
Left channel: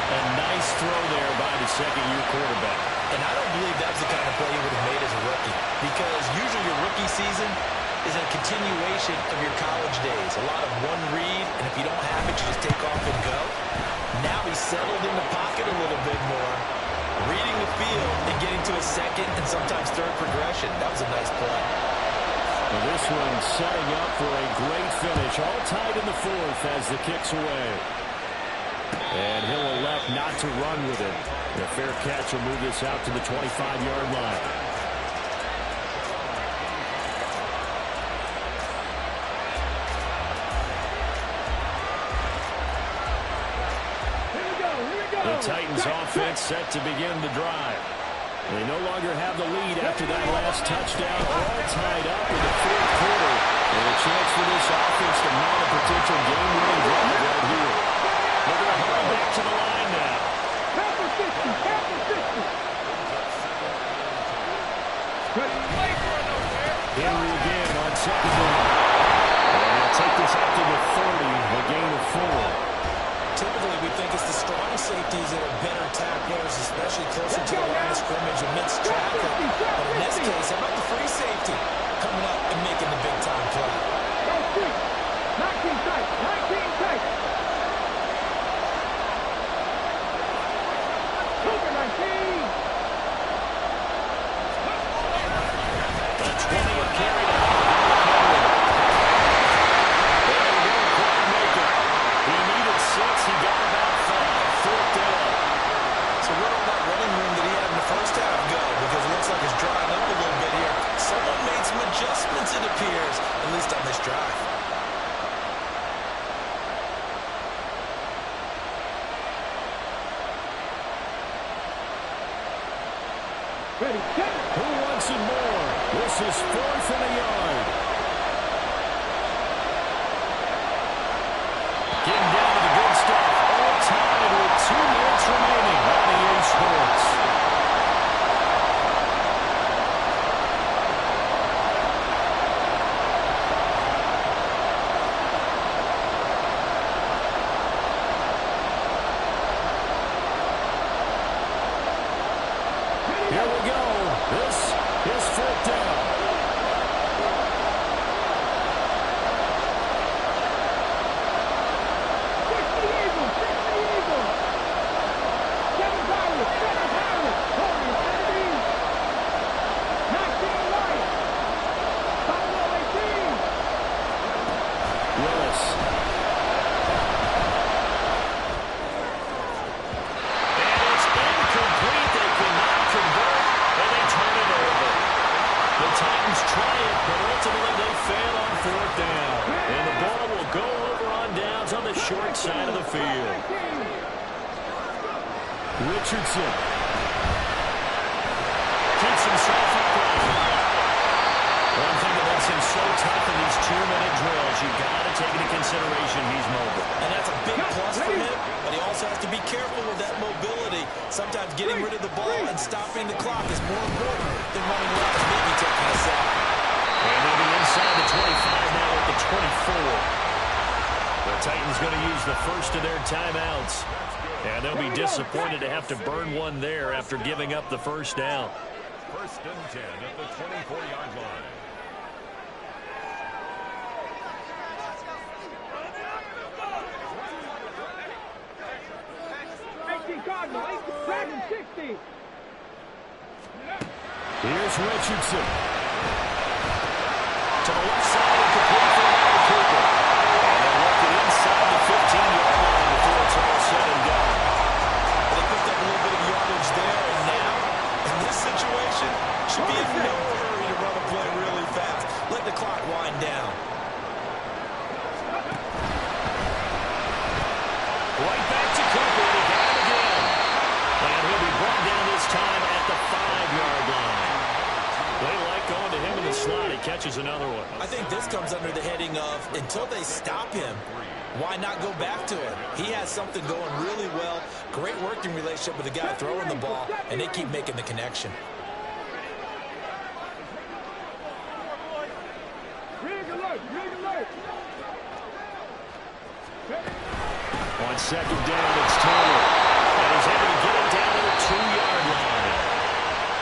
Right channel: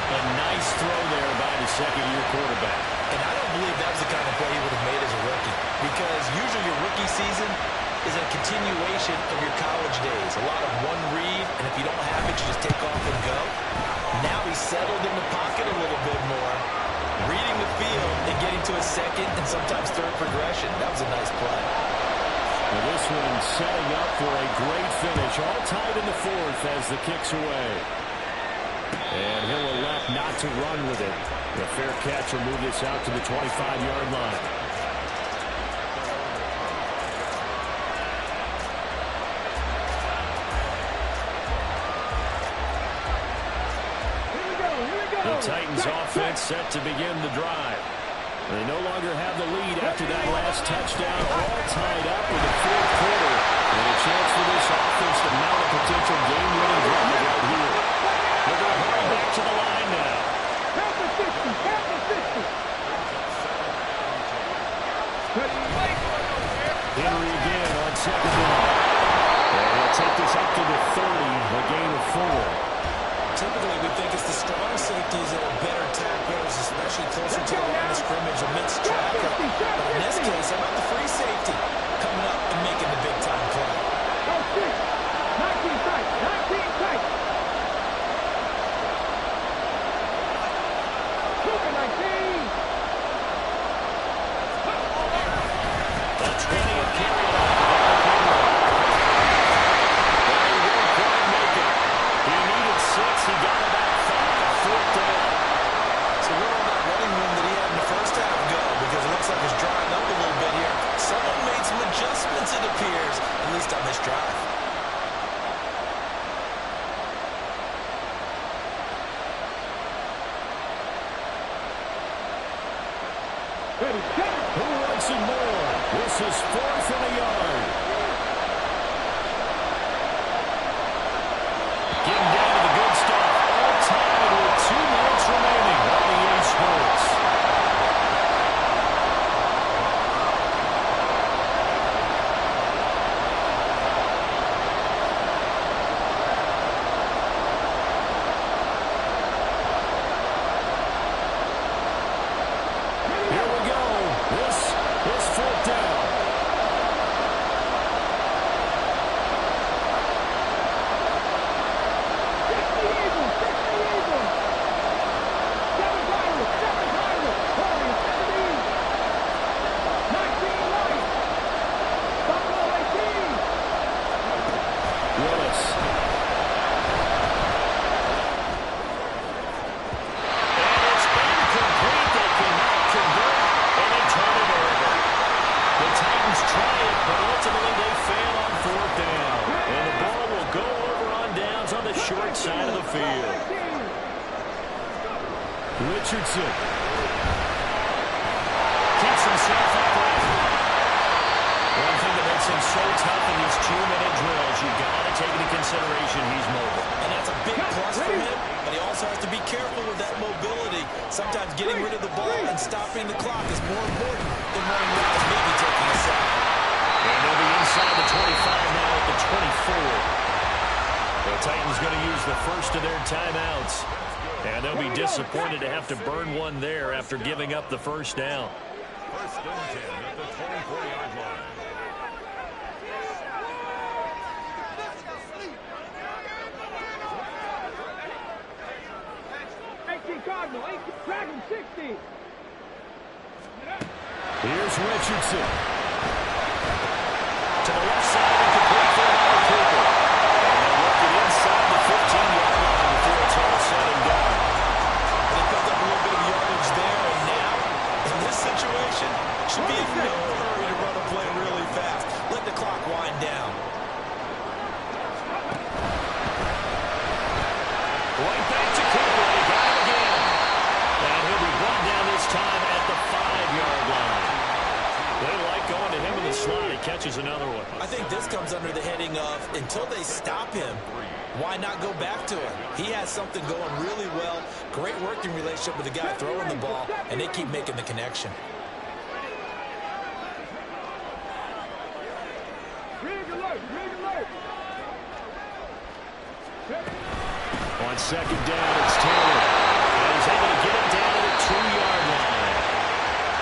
A nice throw there by the second-year quarterback. And I don't believe that was the kind of play he would have made as a rookie, because usually your rookie season is a continuation of your college days. A lot of one read, and if you don't have it, you just take off and go. Now he's settled in the pocket a little bit more, reading the field and getting to a second and sometimes third progression. That was a nice play. Well, this one setting up for a great finish. All tied in the 4th as the kick's away. And he'll elect not to run with it. The fair catch will move this out to the 25-yard line. The Titans offense set to begin the drive. They no longer have the lead after that last touchdown, all tied up with the 4th quarter. And a chance for this offense to mount a potential game-winning drive right here. They're going to hurry back to the line now. Henry again on 2nd down. And he'll take this up to the 30, a gain of 4. Typically, we think it's the strong safeties that are better tacklers, especially closer to the line of scrimmage amidst traffic. But in this case, how about the free safety coming up and making the big-time play? 19 tight. Cougar 19. The 20 have carried it out. But he won't quite make it. He needed 6. He got about 5. 4th down. So where did all that running room that he had in the first half go? Because it looks like it's drying up a little bit here. Someone made some adjustments, it appears, at least on this drive. Ready, set. Who wants it more? This is 4th and a yard. Getting down to the good stuff. All tied with 2 minutes remaining on EA Sports. Here we go. This is 4th down. Try it, but ultimately they fail on 4th down. And the ball will go over on downs on the short side of the field. Richardson keeps himself upright. One thing that makes him so tough in these 2-minute drills, you've got to take into consideration he's mobile. And that's a big plus for him, but he also has to be careful with that mobility. Sometimes getting rid of the ball and stopping the clock is more important than running routes, maybe taking a sack. And they'll be inside the 25 now at the 24. The Titans going to use the first of their timeouts. And they'll be disappointed to have to burn one there after giving up the first down. 1st and 10 at the 24-yard line. Cardinal, 8, Dragon 60. Here's Richardson. To the left side and complete for Amari Cooper. And they'll work it inside the 15-yard line before it's all said and done. They picked up a little bit of yardage there, and now, in this situation, should be in no hurry to run a play really fast. Let the clock wind down. Right back to Cooper, and he got him again. And he'll be brought down this time at the 5-yard line. They like going to him in the slot. He catches another one. I think this comes under the heading of, until they stop him, why not go back to him? He has something going really well. Great working relationship with the guy throwing the ball, and they keep making the connection. Rig alert, rig alert. On 2nd down, it's Taylor. And he's able to get it down to the 2-yard line.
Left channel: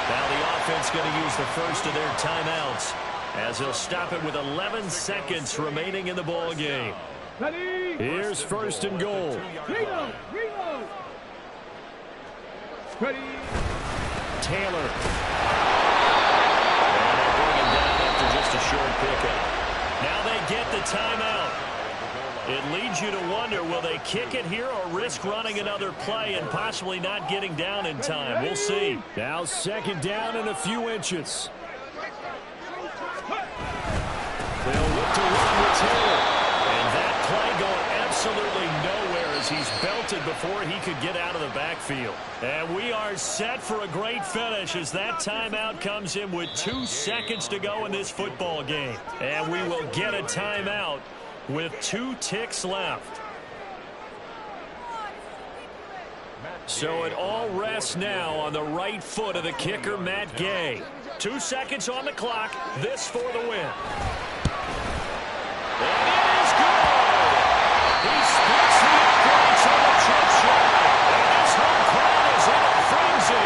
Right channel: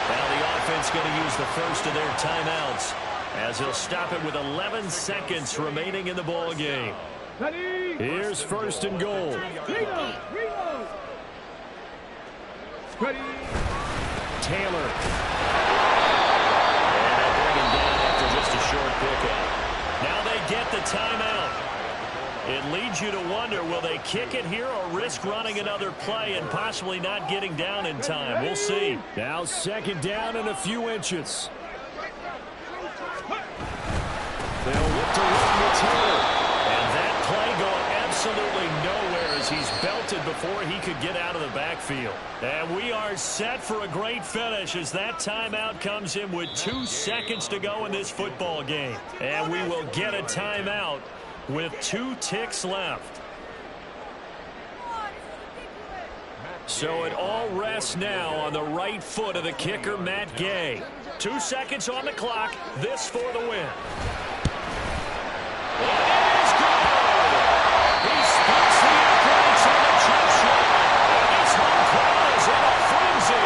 Now the offense going to use the first of their timeouts as he'll stop it with 11 seconds remaining in the ball game. Here's 1st and goal. Reload, reload. Ready. Taylor. And they'll bring him down after just a short pickup. Now they get the timeout. It leads you to wonder, will they kick it here or risk running another play and possibly not getting down in time? We'll see. Now 2nd down and a few inches. They'll look to run with Taylor. And that play going absolutely nowhere as he's belted before he could get out of the backfield. And we are set for a great finish as that timeout comes in with 2 seconds to go in this football game. And we will get a timeout with 2 ticks left. So it all rests now on the right foot of the kicker, Matt Gay. 2 seconds on the clock. This for the win. And it is